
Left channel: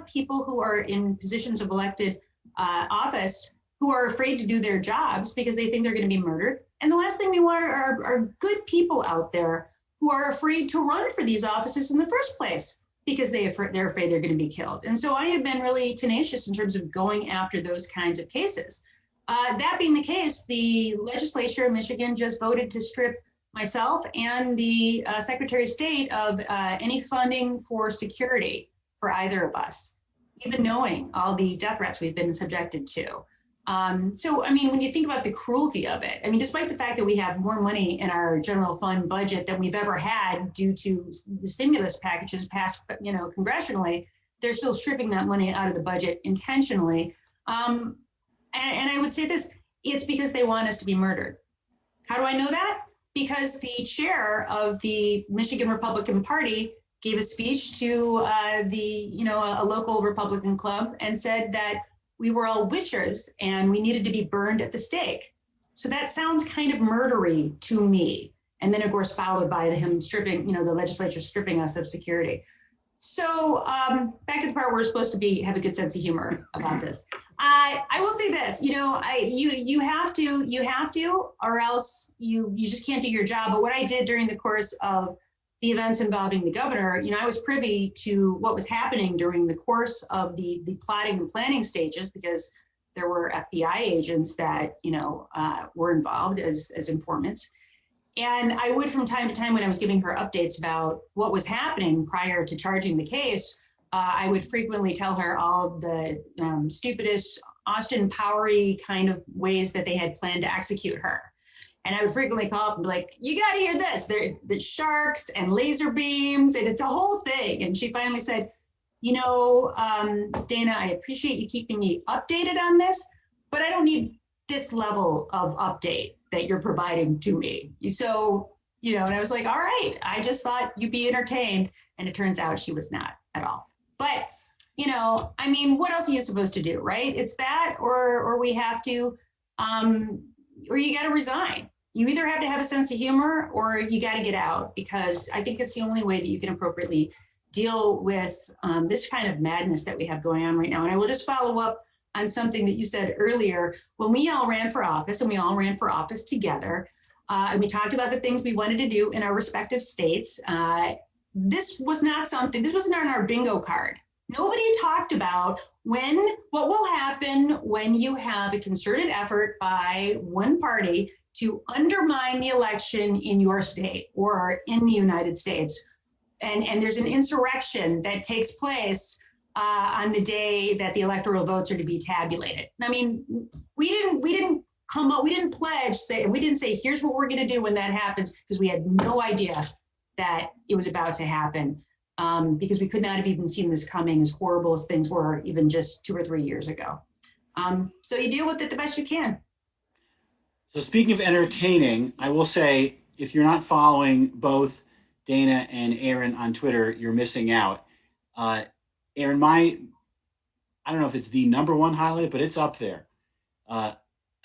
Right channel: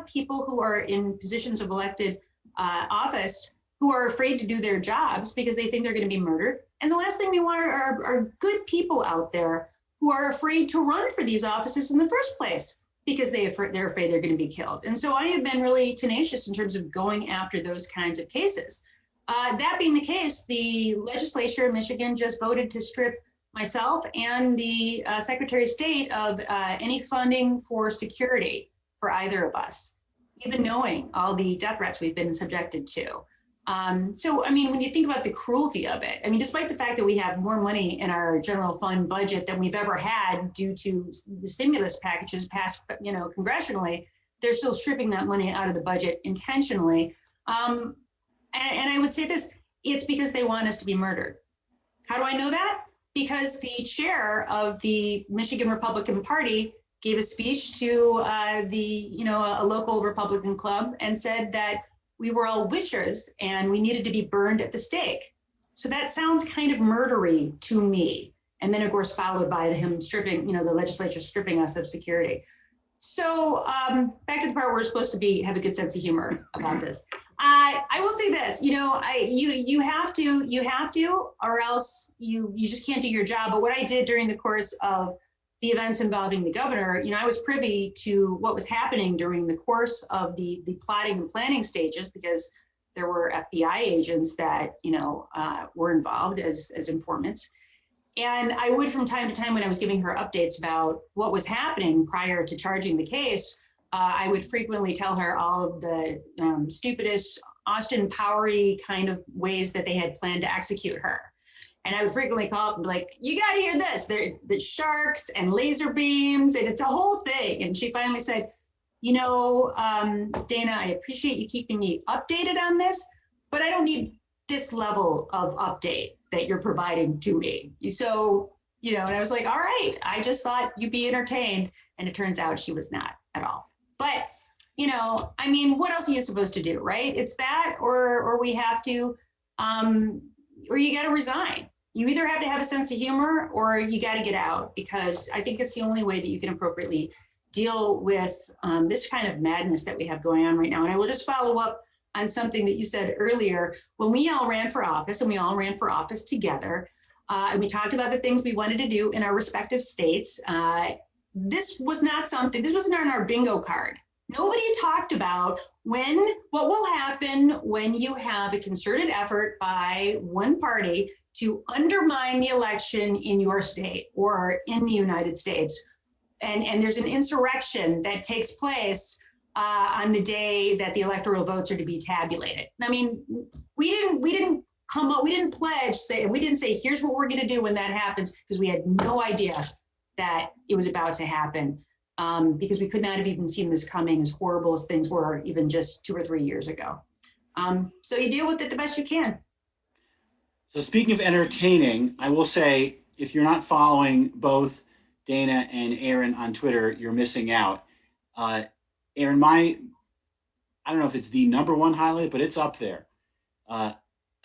people who are in positions of elected office who are afraid to do their jobs because they think they're going to be murdered. And the last thing we want are good people out there who are afraid to run for these offices in the first place because they're afraid they're going to be killed. And so I have been really tenacious in terms of going after those kinds of cases. That being the case, the legislature in Michigan just voted to strip myself and the Secretary of State of any funding for security for either of us, even knowing all the death threats we've been subjected to. So, I mean, when you think about the cruelty of it, I mean, despite the fact that we have more money in our general fund budget than we've ever had due to the stimulus packages passed, congressionally, they're still stripping that money out of the budget intentionally. And I would say this, it's because they want us to be murdered. How do I know that? Because the chair of the Michigan Republican Party gave a speech to a local Republican club and said that we were all witches and we needed to be burned at the stake. So that sounds kind of murdery to me. And then, of course, followed by him stripping, the legislature stripping us of security. So back to the part where we're supposed to have a good sense of humor about this. I will say this, you have to, or else you just can't do your job. But what I did during the course of the events involving the governor, I was privy to what was happening during the course of the plotting and planning stages, because there were FBI agents that, were involved as informants. And I would, from time to time, when I was giving her updates about what was happening prior to charging the case, I would frequently tell her all the stupidest, Austin Powery kind of ways that they had planned to execute her. And I would frequently call up and be like, you got to hear this. The sharks and laser beams, and it's a whole thing. And she finally said, Dana, I appreciate you keeping me updated on this, but I don't need this level of update that you're providing to me. So, and I was like, all right, I just thought you'd be entertained. And it turns out she was not at all. But, what else are you supposed to do, right? It's that, or we have to, or you got to resign. You either have to have a sense of humor or you got to get out, because I think it's the only way that you can appropriately deal with this kind of madness that we have going on right now. And I will just follow up on something that you said earlier. When we all ran for office, and we all ran for office together, and we talked about the things we wanted to do in our respective states, this wasn't on our bingo card. Nobody talked about what will happen when you have a concerted effort by one party to undermine the election in your state or in the United States. and there's an insurrection that takes place on the day that the electoral votes are to be tabulated. I mean, we didn't come up, we didn't say, here's what we're going to do when that happens, because we had no idea that it was about to happen, because we could not have even seen this coming, as horrible as things were even just 2 or 3 years ago. So you deal with it the best you can. So speaking of entertaining, I will say, if you're not following both Dana and Aaron on Twitter, you're missing out. Aaron, I don't know if it's the #1 highlight, but it's up there.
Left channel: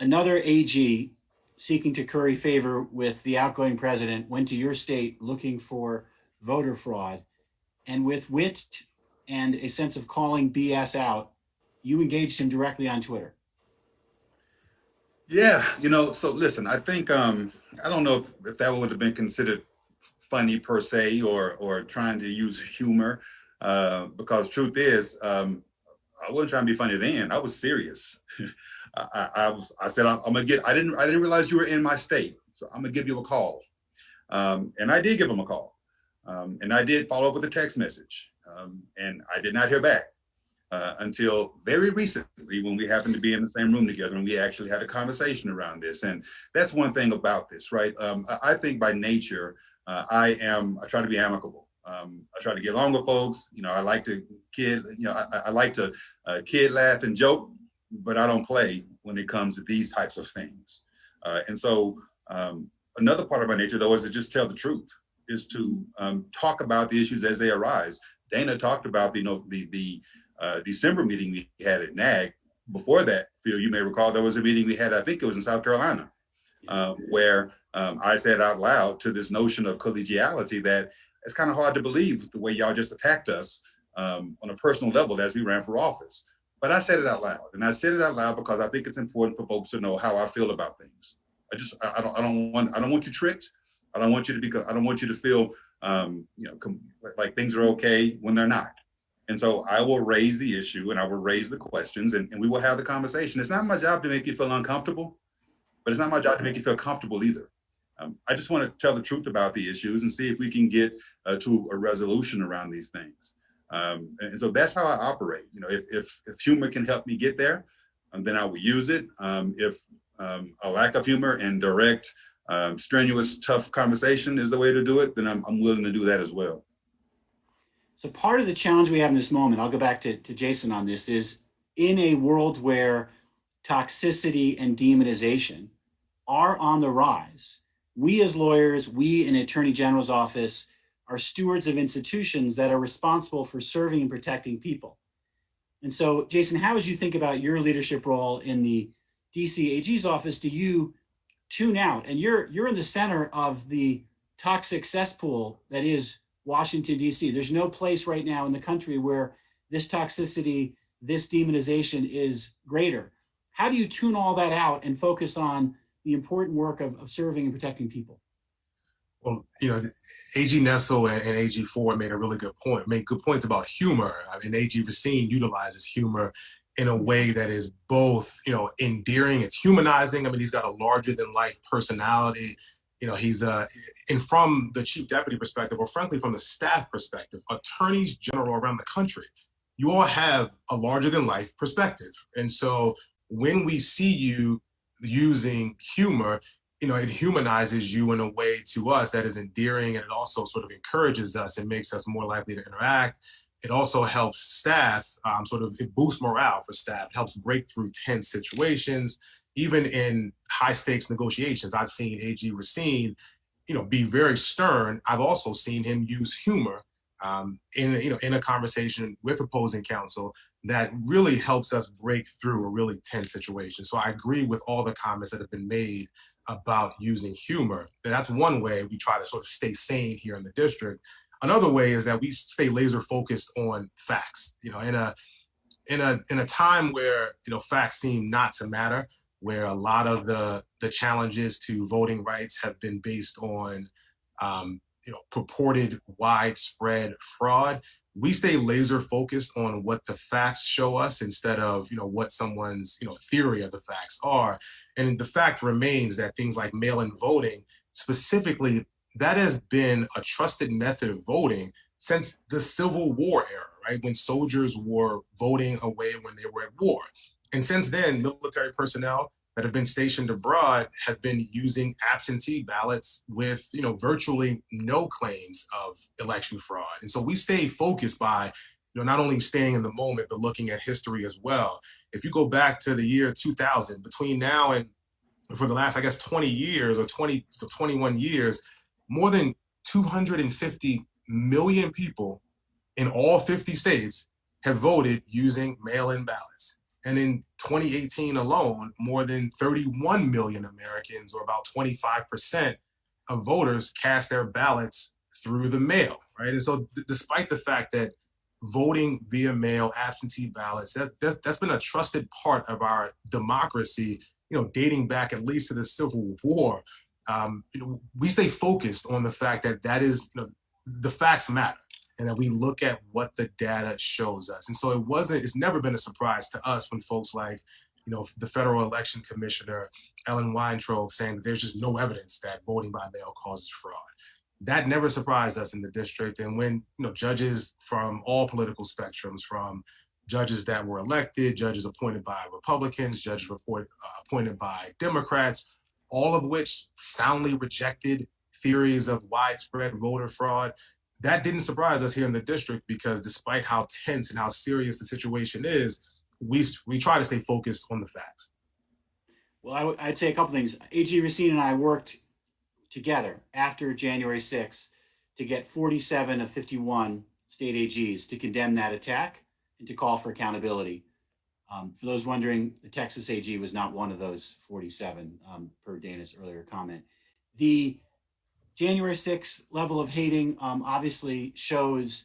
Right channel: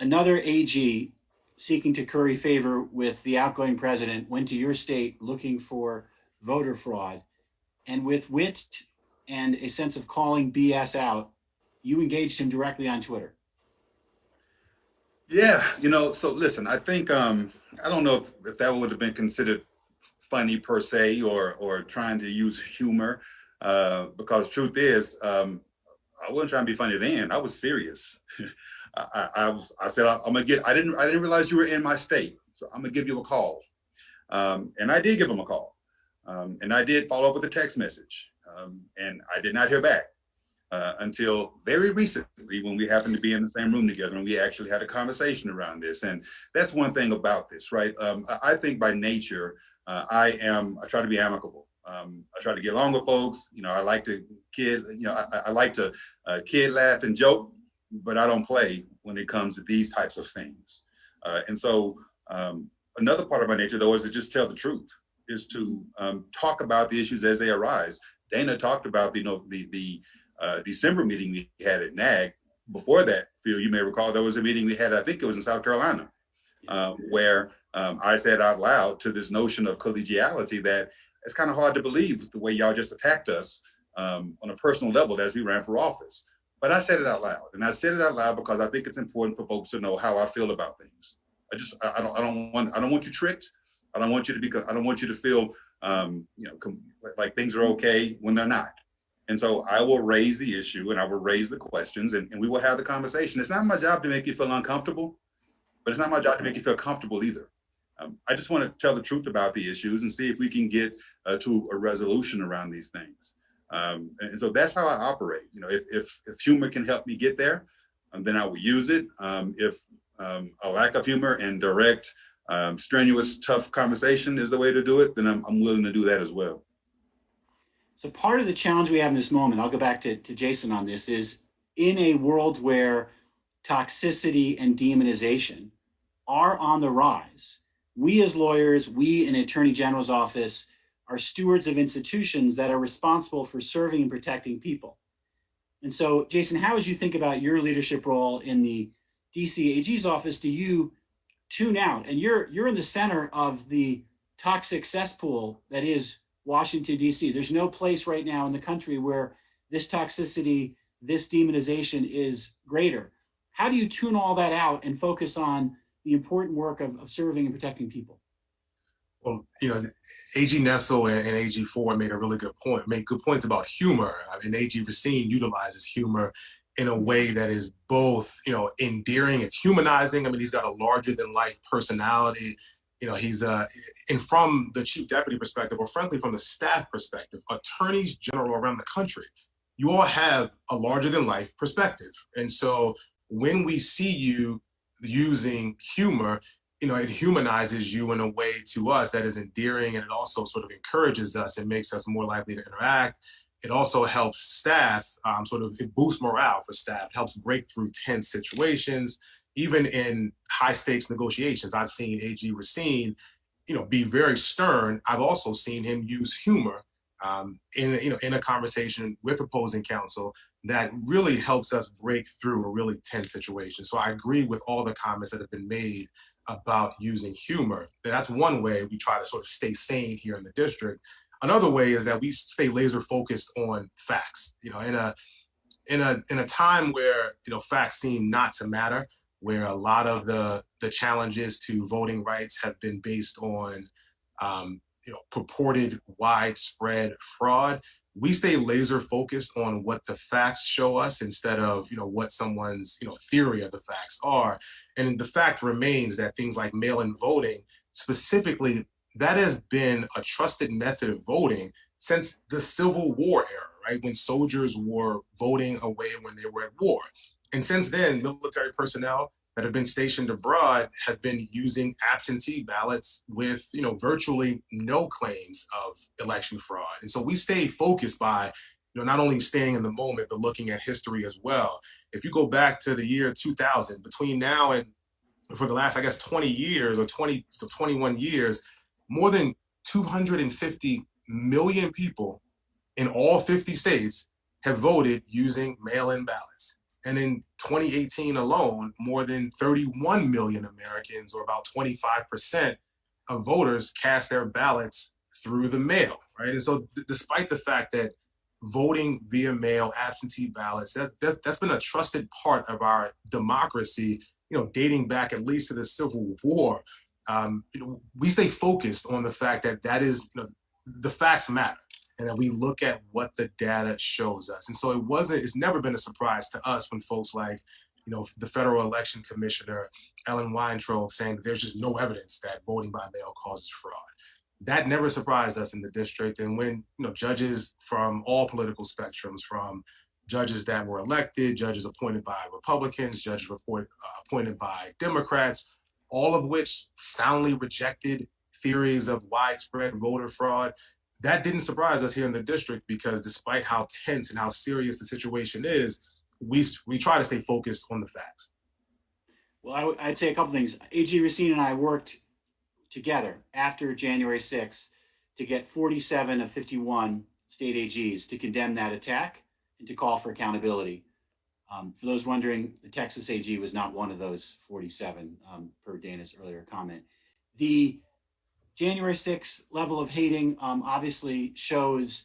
Another AG seeking to curry favor with the outgoing president went to your state looking for voter fraud. And with wit and a sense of calling BS out, you engaged him directly on Twitter. Yeah, so listen, I think I don't know if that would have been considered funny per se, or trying to use humor, because truth is, I wasn't trying to be funny then. I was serious. I said, I'm gonna get. I didn't realize you were in my state, so I'm gonna give you a call, and I did give him a call, and I did follow up with a text message, and I did not hear back. Until very recently, when we happened to be in the same room together and we actually had a conversation around this. And that's one thing about this, right? I think by nature, I try to be amicable. I try to get along with folks. I like to I like to kid, laugh, and joke, but I don't play when it comes to these types of things. And so another part of my nature, though, is to just tell the truth, is to talk about the issues as they arise. Dana talked about the December meeting we had at NAG. Before that, Phil, you may recall, there was a meeting we had, I think it was in South Carolina, where I said out loud to this notion of collegiality that it's kind of hard to believe the way y'all just attacked us on a personal level as we ran for office. But I said it out loud, and I said it out loud because I think it's important for folks to know how I feel about things. I don't want you tricked. I don't want you to feel like things are okay when they're not. And so I will raise the issue, and I will raise the questions, and we will have the conversation. It's not my job to make you feel uncomfortable, but it's not my job to make you feel comfortable either. I just want to tell the truth about the issues and see if we can get to a resolution around these things. And so that's how I operate. If humor can help me get there, then I will use it. If a lack of humor and direct, strenuous, tough conversation is the way to do it, then I'm willing to do that as well. So part of the challenge we have in this moment, I'll go back to Jason on this, is in a world where toxicity and demonization are on the rise, we as lawyers, we in Attorney General's office, are stewards of institutions that are responsible for serving and protecting people. And so, Jason, how, as you think about your leadership role in the DC AG's office, do you tune out? And you're in the center of the toxic cesspool that is Washington, D.C. There's no place right now in the country where this toxicity, this demonization is greater. How do you tune all that out and focus on the important work of serving and protecting people? Well, AG Nessel and AG Ford made good points about humor. I mean, AG Racine utilizes humor in a way that is both, endearing, it's humanizing. I mean, he's got a larger than life personality. He's and from the chief deputy perspective, or frankly, from the staff perspective, attorneys general around the country, you all have a larger than life perspective. And so when we see you using humor, it humanizes you in a way to us that is endearing, and it also sort of encourages us and makes us more likely to interact. It also helps staff, it boosts morale for staff. It helps break through tense situations. Even in high stakes negotiations, I've seen AG Racine, be very stern. I've also seen him use humor in a conversation with opposing counsel that really helps us break through a really tense situation. So I agree with all the comments that have been made about using humor. And that's one way we try to sort of stay sane here in the district. Another way is that we stay laser focused on facts. In a time where facts seem not to matter, where a lot of the challenges to voting rights have been based on purported widespread fraud, we stay laser focused on what the facts show us instead of what someone's theory of the facts are. And the fact remains that things like mail-in voting, specifically, that has been a trusted method of voting since the Civil War era, right? When soldiers were voting away when they were at war. And since then, military personnel that have been stationed abroad have been using absentee ballots with, virtually no claims of election fraud. And so we stay focused by, not only staying in the moment, but looking at history as well. If you go back to the year 2000, between now and for the last, I guess, 20 years or 20 to 21 years, more than 250 million people in all 50 states have voted using mail-in ballots. And in 2018 alone, more than 31 million Americans, or about 25% of voters, cast their ballots through the mail, right? And so despite the fact that voting via mail, absentee ballots, that's been a trusted part of our democracy, dating back at least to the Civil War. We stay focused on the fact that is, the facts matter, and that we look at what the data shows us. And so it's never been a surprise to us when folks like, the Federal Election Commissioner, Ellen Weintraub, saying that there's just no evidence that voting by mail causes fraud. That never surprised us in the district. And when, judges from all political spectrums, from judges that were elected, judges appointed by Republicans, judges appointed by Democrats, all of which soundly rejected theories of widespread voter fraud, that didn't surprise us here in the district, because despite how tense and how serious the situation is, we try to stay focused on the facts. Well, I'd say a couple things. AG Racine and I worked together after January 6th to get 47 of 51 state AGs to condemn that attack and to call for accountability. For those wondering, the Texas AG was not one of those 47, per Dana's earlier comment. The January 6th level of hating obviously shows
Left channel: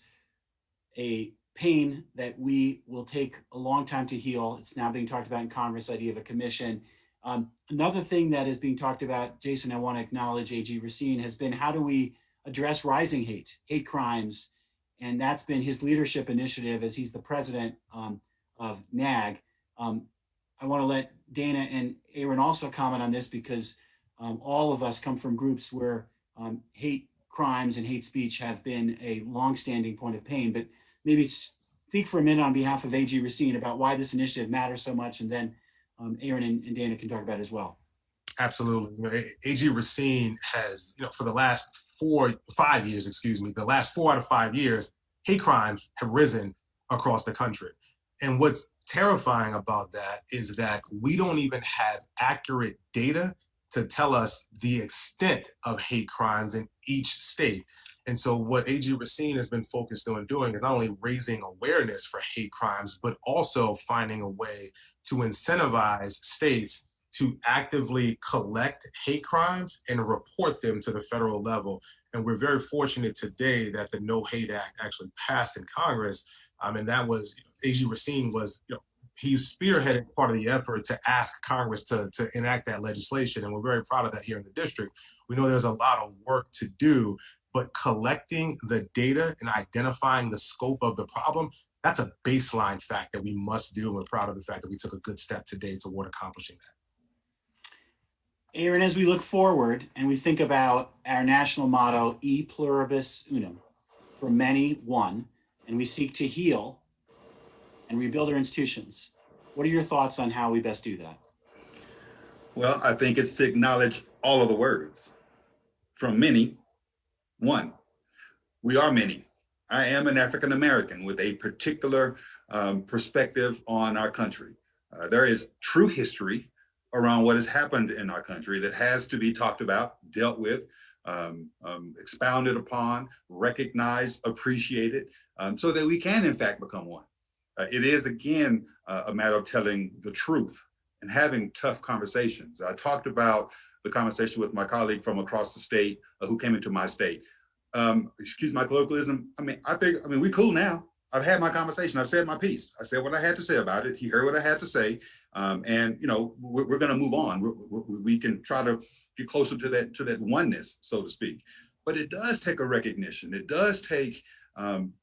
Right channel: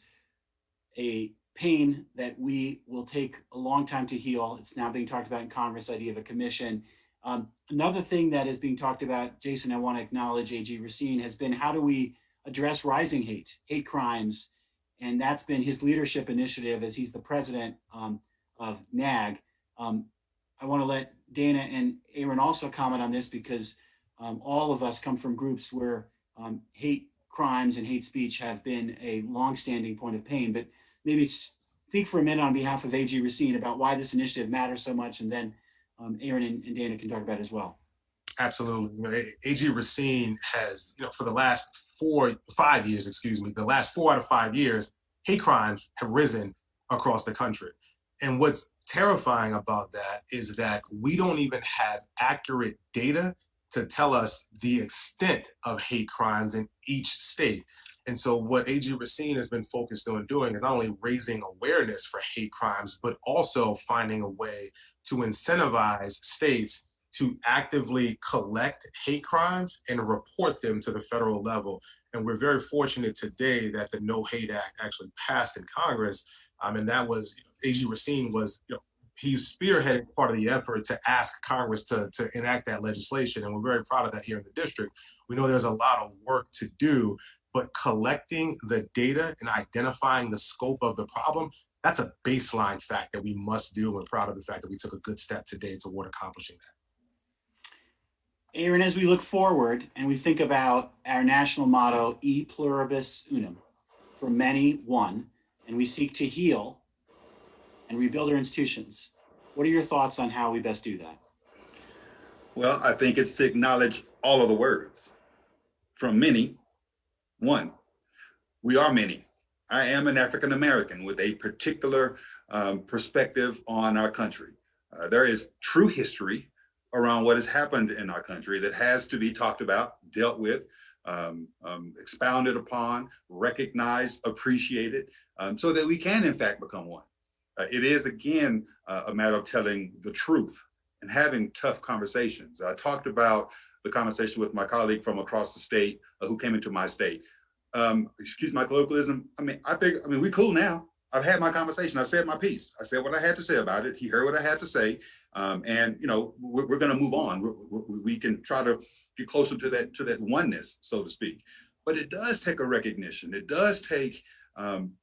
a pain that we will take a long time to heal. It's now being talked about in Congress, idea of a commission. Another thing that is being talked about, Jason, I want to acknowledge AG Racine, has been how do we address rising hate crimes? And that's been his leadership initiative as he's the president of NAG. I want to let Dana and Aaron also comment on this, because all of us come from groups where hate crimes and hate speech have been a longstanding point of pain. But maybe speak for a minute on behalf of AG Racine about why this initiative matters so much, and then Aaron and Dana can talk about it as well. Absolutely. AG Racine has, for the last 4 out of 5 years, hate crimes have risen across the country. And what's terrifying about that is that we don't even have accurate data to tell us the extent of hate crimes in each state. And so what AG Racine has been focused on doing is not only raising awareness for hate crimes, but also finding a way to incentivize states to actively collect hate crimes and report them to the federal level. And we're very fortunate today that the No Hate Act actually passed in Congress. And that was, AG Racine was, he spearheaded part of the effort to ask Congress to enact that legislation. And we're very proud of that here in the district. We know there's a lot of work to do, but collecting the data and identifying the scope of the problem, that's a baseline fact that we must do. And we're proud of the fact that we took a good step today toward accomplishing that. Aaron, as we look forward and we think about our national motto, E pluribus unum, for many, one, and we seek to heal and rebuild our institutions, what are your thoughts on how we best do that? Well, I think it's to acknowledge all of the words. From many, one. We are many. I am an African American with a particular perspective on our country. There is true history around what has happened in our country that has to be talked about, dealt with, expounded upon, recognized, appreciated, so that we can in fact become one. It is again a matter of telling the truth and having tough conversations. I talked about the conversation with my colleague from across the state who came into my state. Excuse my colloquialism. We cool now. I've had my conversation. I've said my piece. I said what I had to say about it. He heard what I had to say. And we're going to move on. We can try to get closer to that oneness, so to speak. But it does take a recognition. It does take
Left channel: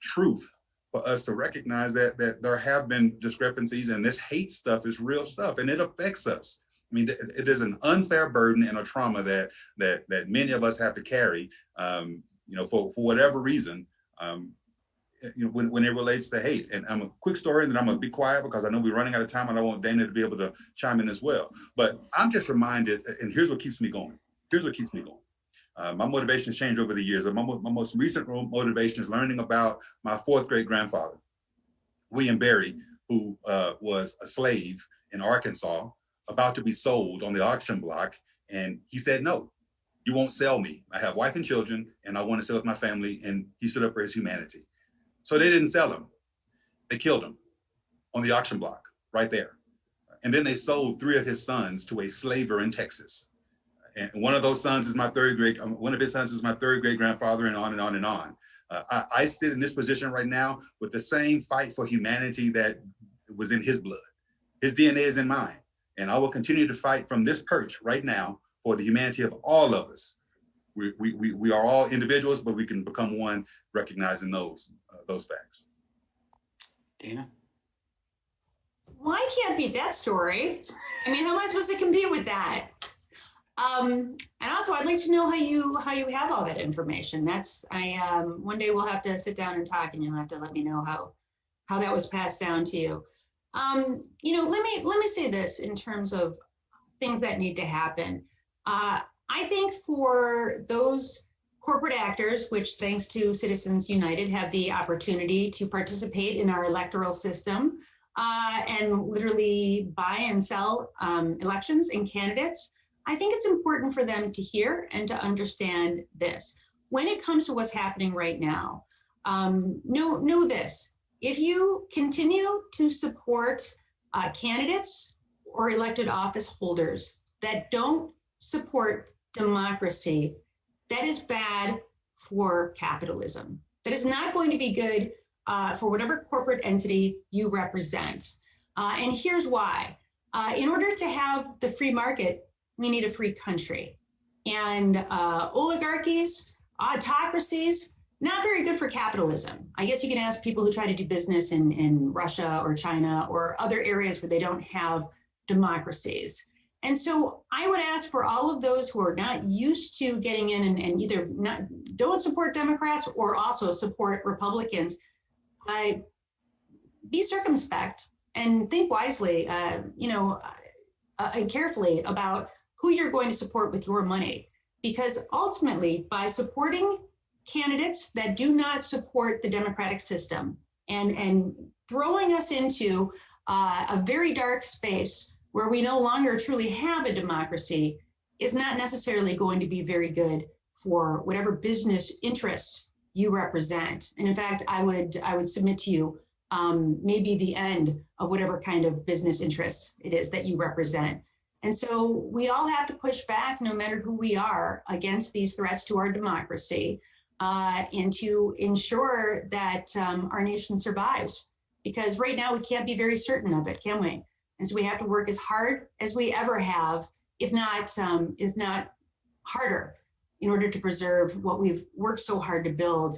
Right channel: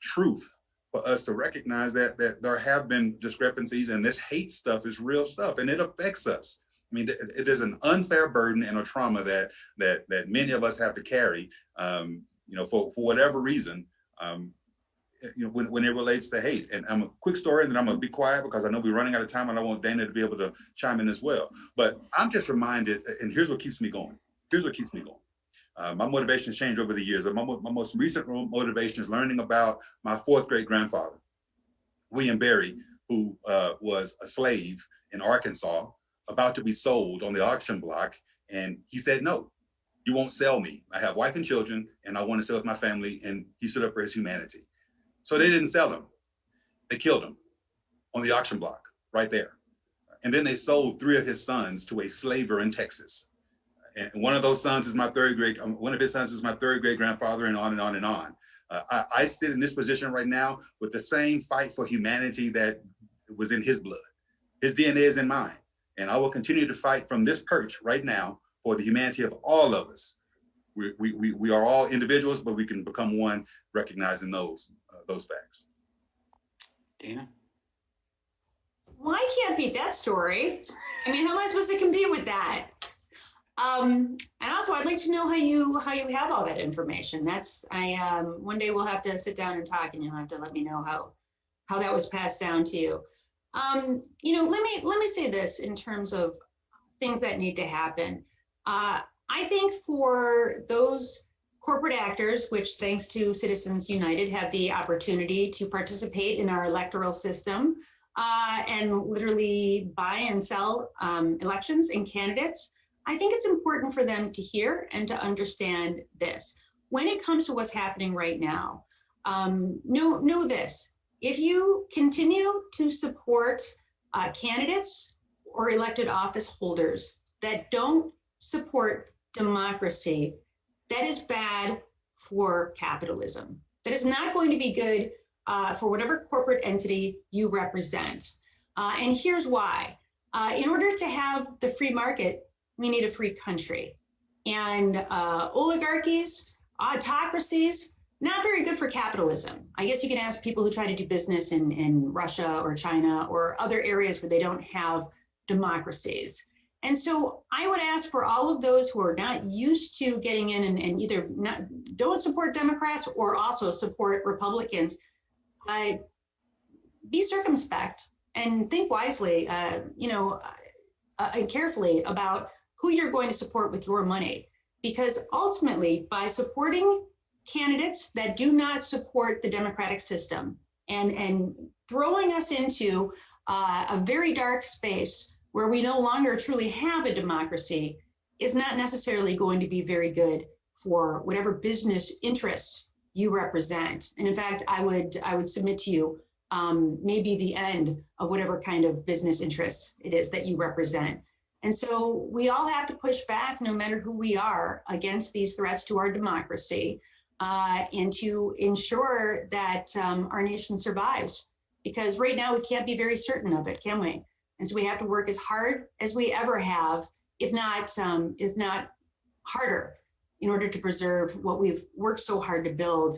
truth for us to recognize that there have been discrepancies, and this hate stuff is real stuff, and it affects us. I mean, it is an unfair burden and a trauma that many of us have to carry, for whatever reason. when it relates to hate. And I'm a quick story, and then I'm gonna be quiet because I know we're running out of time, and I want Dana to be able to chime in as well. But I'm just reminded, and here's what keeps me going. My motivation has changed over the years, but my most recent motivation is learning about my fourth great grandfather, William Berry, who was a slave in Arkansas, about to be sold on the auction block. And he said, no, you won't sell me. I have wife and children, and I want to stay with my family. And he stood up for his humanity. So they didn't sell him. They killed him on the auction block right there. And then they sold 3 of his sons to a slaver in Texas. And one of those sons is one of his sons is my third great grandfather, and on and on and on. I sit in this position right now with the same fight for humanity that was in his blood. His DNA is in mine. And I will continue to fight from this perch right now for the humanity of all of us. We are all individuals, but we can become one, recognizing those facts. Dana? Well, I can't beat that story. I mean, how am I supposed to compete with that? And also, I'd like to know how you have all that information. One day we'll have to sit down and talk, and you'll have to let me know how that was passed down to you. Let me say this in terms of things that need to happen. I think for those corporate actors, which thanks to Citizens United have the opportunity to participate in our electoral system and literally buy and sell elections and candidates, I think it's important for them to hear and to understand this. When it comes to what's happening right now, know this. If you continue to support candidates or elected office holders that don't support democracy, that is bad for capitalism. That is not going to be good for whatever corporate entity you represent. And here's why. In order to have the free market, we need a free country. And oligarchies, autocracies, not very good for capitalism. I guess you can ask people who try to do business in Russia or China or other areas where they don't have democracies. And so I would ask for all of those who are not used to getting in and either don't support Democrats or also support Republicans, be circumspect and think wisely, and carefully about who you're going to support with your money. Because ultimately, by supporting candidates that do not support the democratic system and throwing us into a very dark space where we no longer truly have a democracy is not necessarily going to be very good for whatever business interests you represent. And in fact, I would submit to you maybe the end of whatever kind of business interests it is that you represent. And so we all have to push back, no matter who we are, against these threats to our democracy and to ensure that our nation survives. Because right now we can't be very certain of it, can we? And so we have to work as hard as we ever have, if not harder, in order to preserve what we've worked so hard to build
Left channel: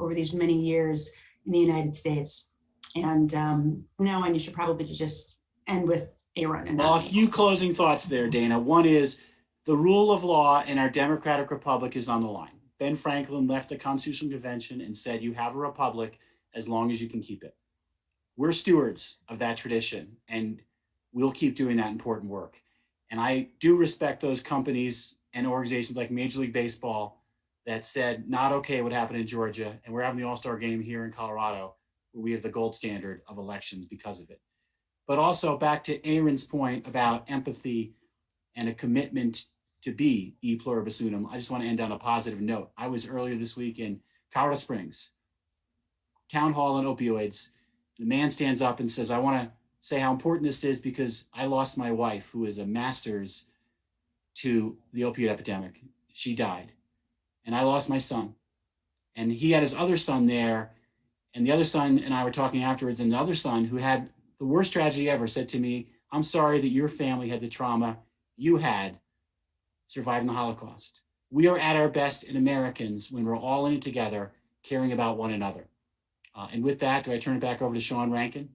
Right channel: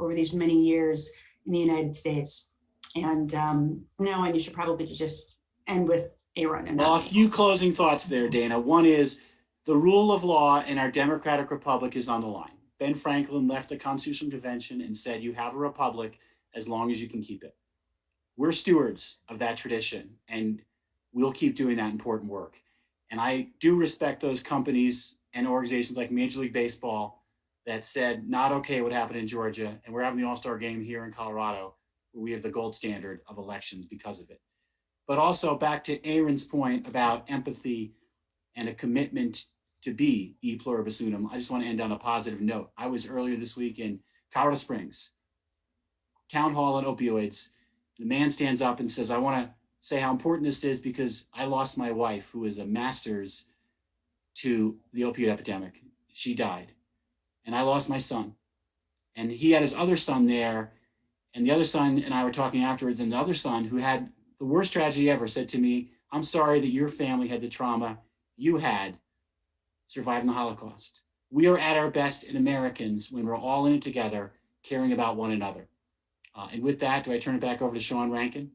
over these many years in the United States. And from now on, you should probably just end with a run. Well, a few closing thoughts there, Dana. One is the rule of law in our democratic republic is on the line. Ben Franklin left the Constitutional Convention and said, you have a republic as long as you can keep it. We're stewards of that tradition, and we'll keep doing that important work. And I do respect those companies and organizations like Major League Baseball that said, not okay what happened in Georgia, and we're having the All-Star game here in Colorado, where we have the gold standard of elections because of it. But also back to Aaron's point about empathy and a commitment to be e pluribus unum, I just want to end on a positive note. I was earlier this week in Colorado Springs, town hall on opioids. The man stands up and says, I want to say how important this is because I lost my wife, who is a master's to the opioid epidemic. She died. And I lost my son. And he had his other son there. And the other son and I were talking afterwards, and the other son, who had the worst tragedy ever, said to me, I'm sorry that your family had the trauma you had surviving the Holocaust. We are at our best in Americans when we're all in it together, caring about one another. And with that, do I turn it back over to Sean Rankin?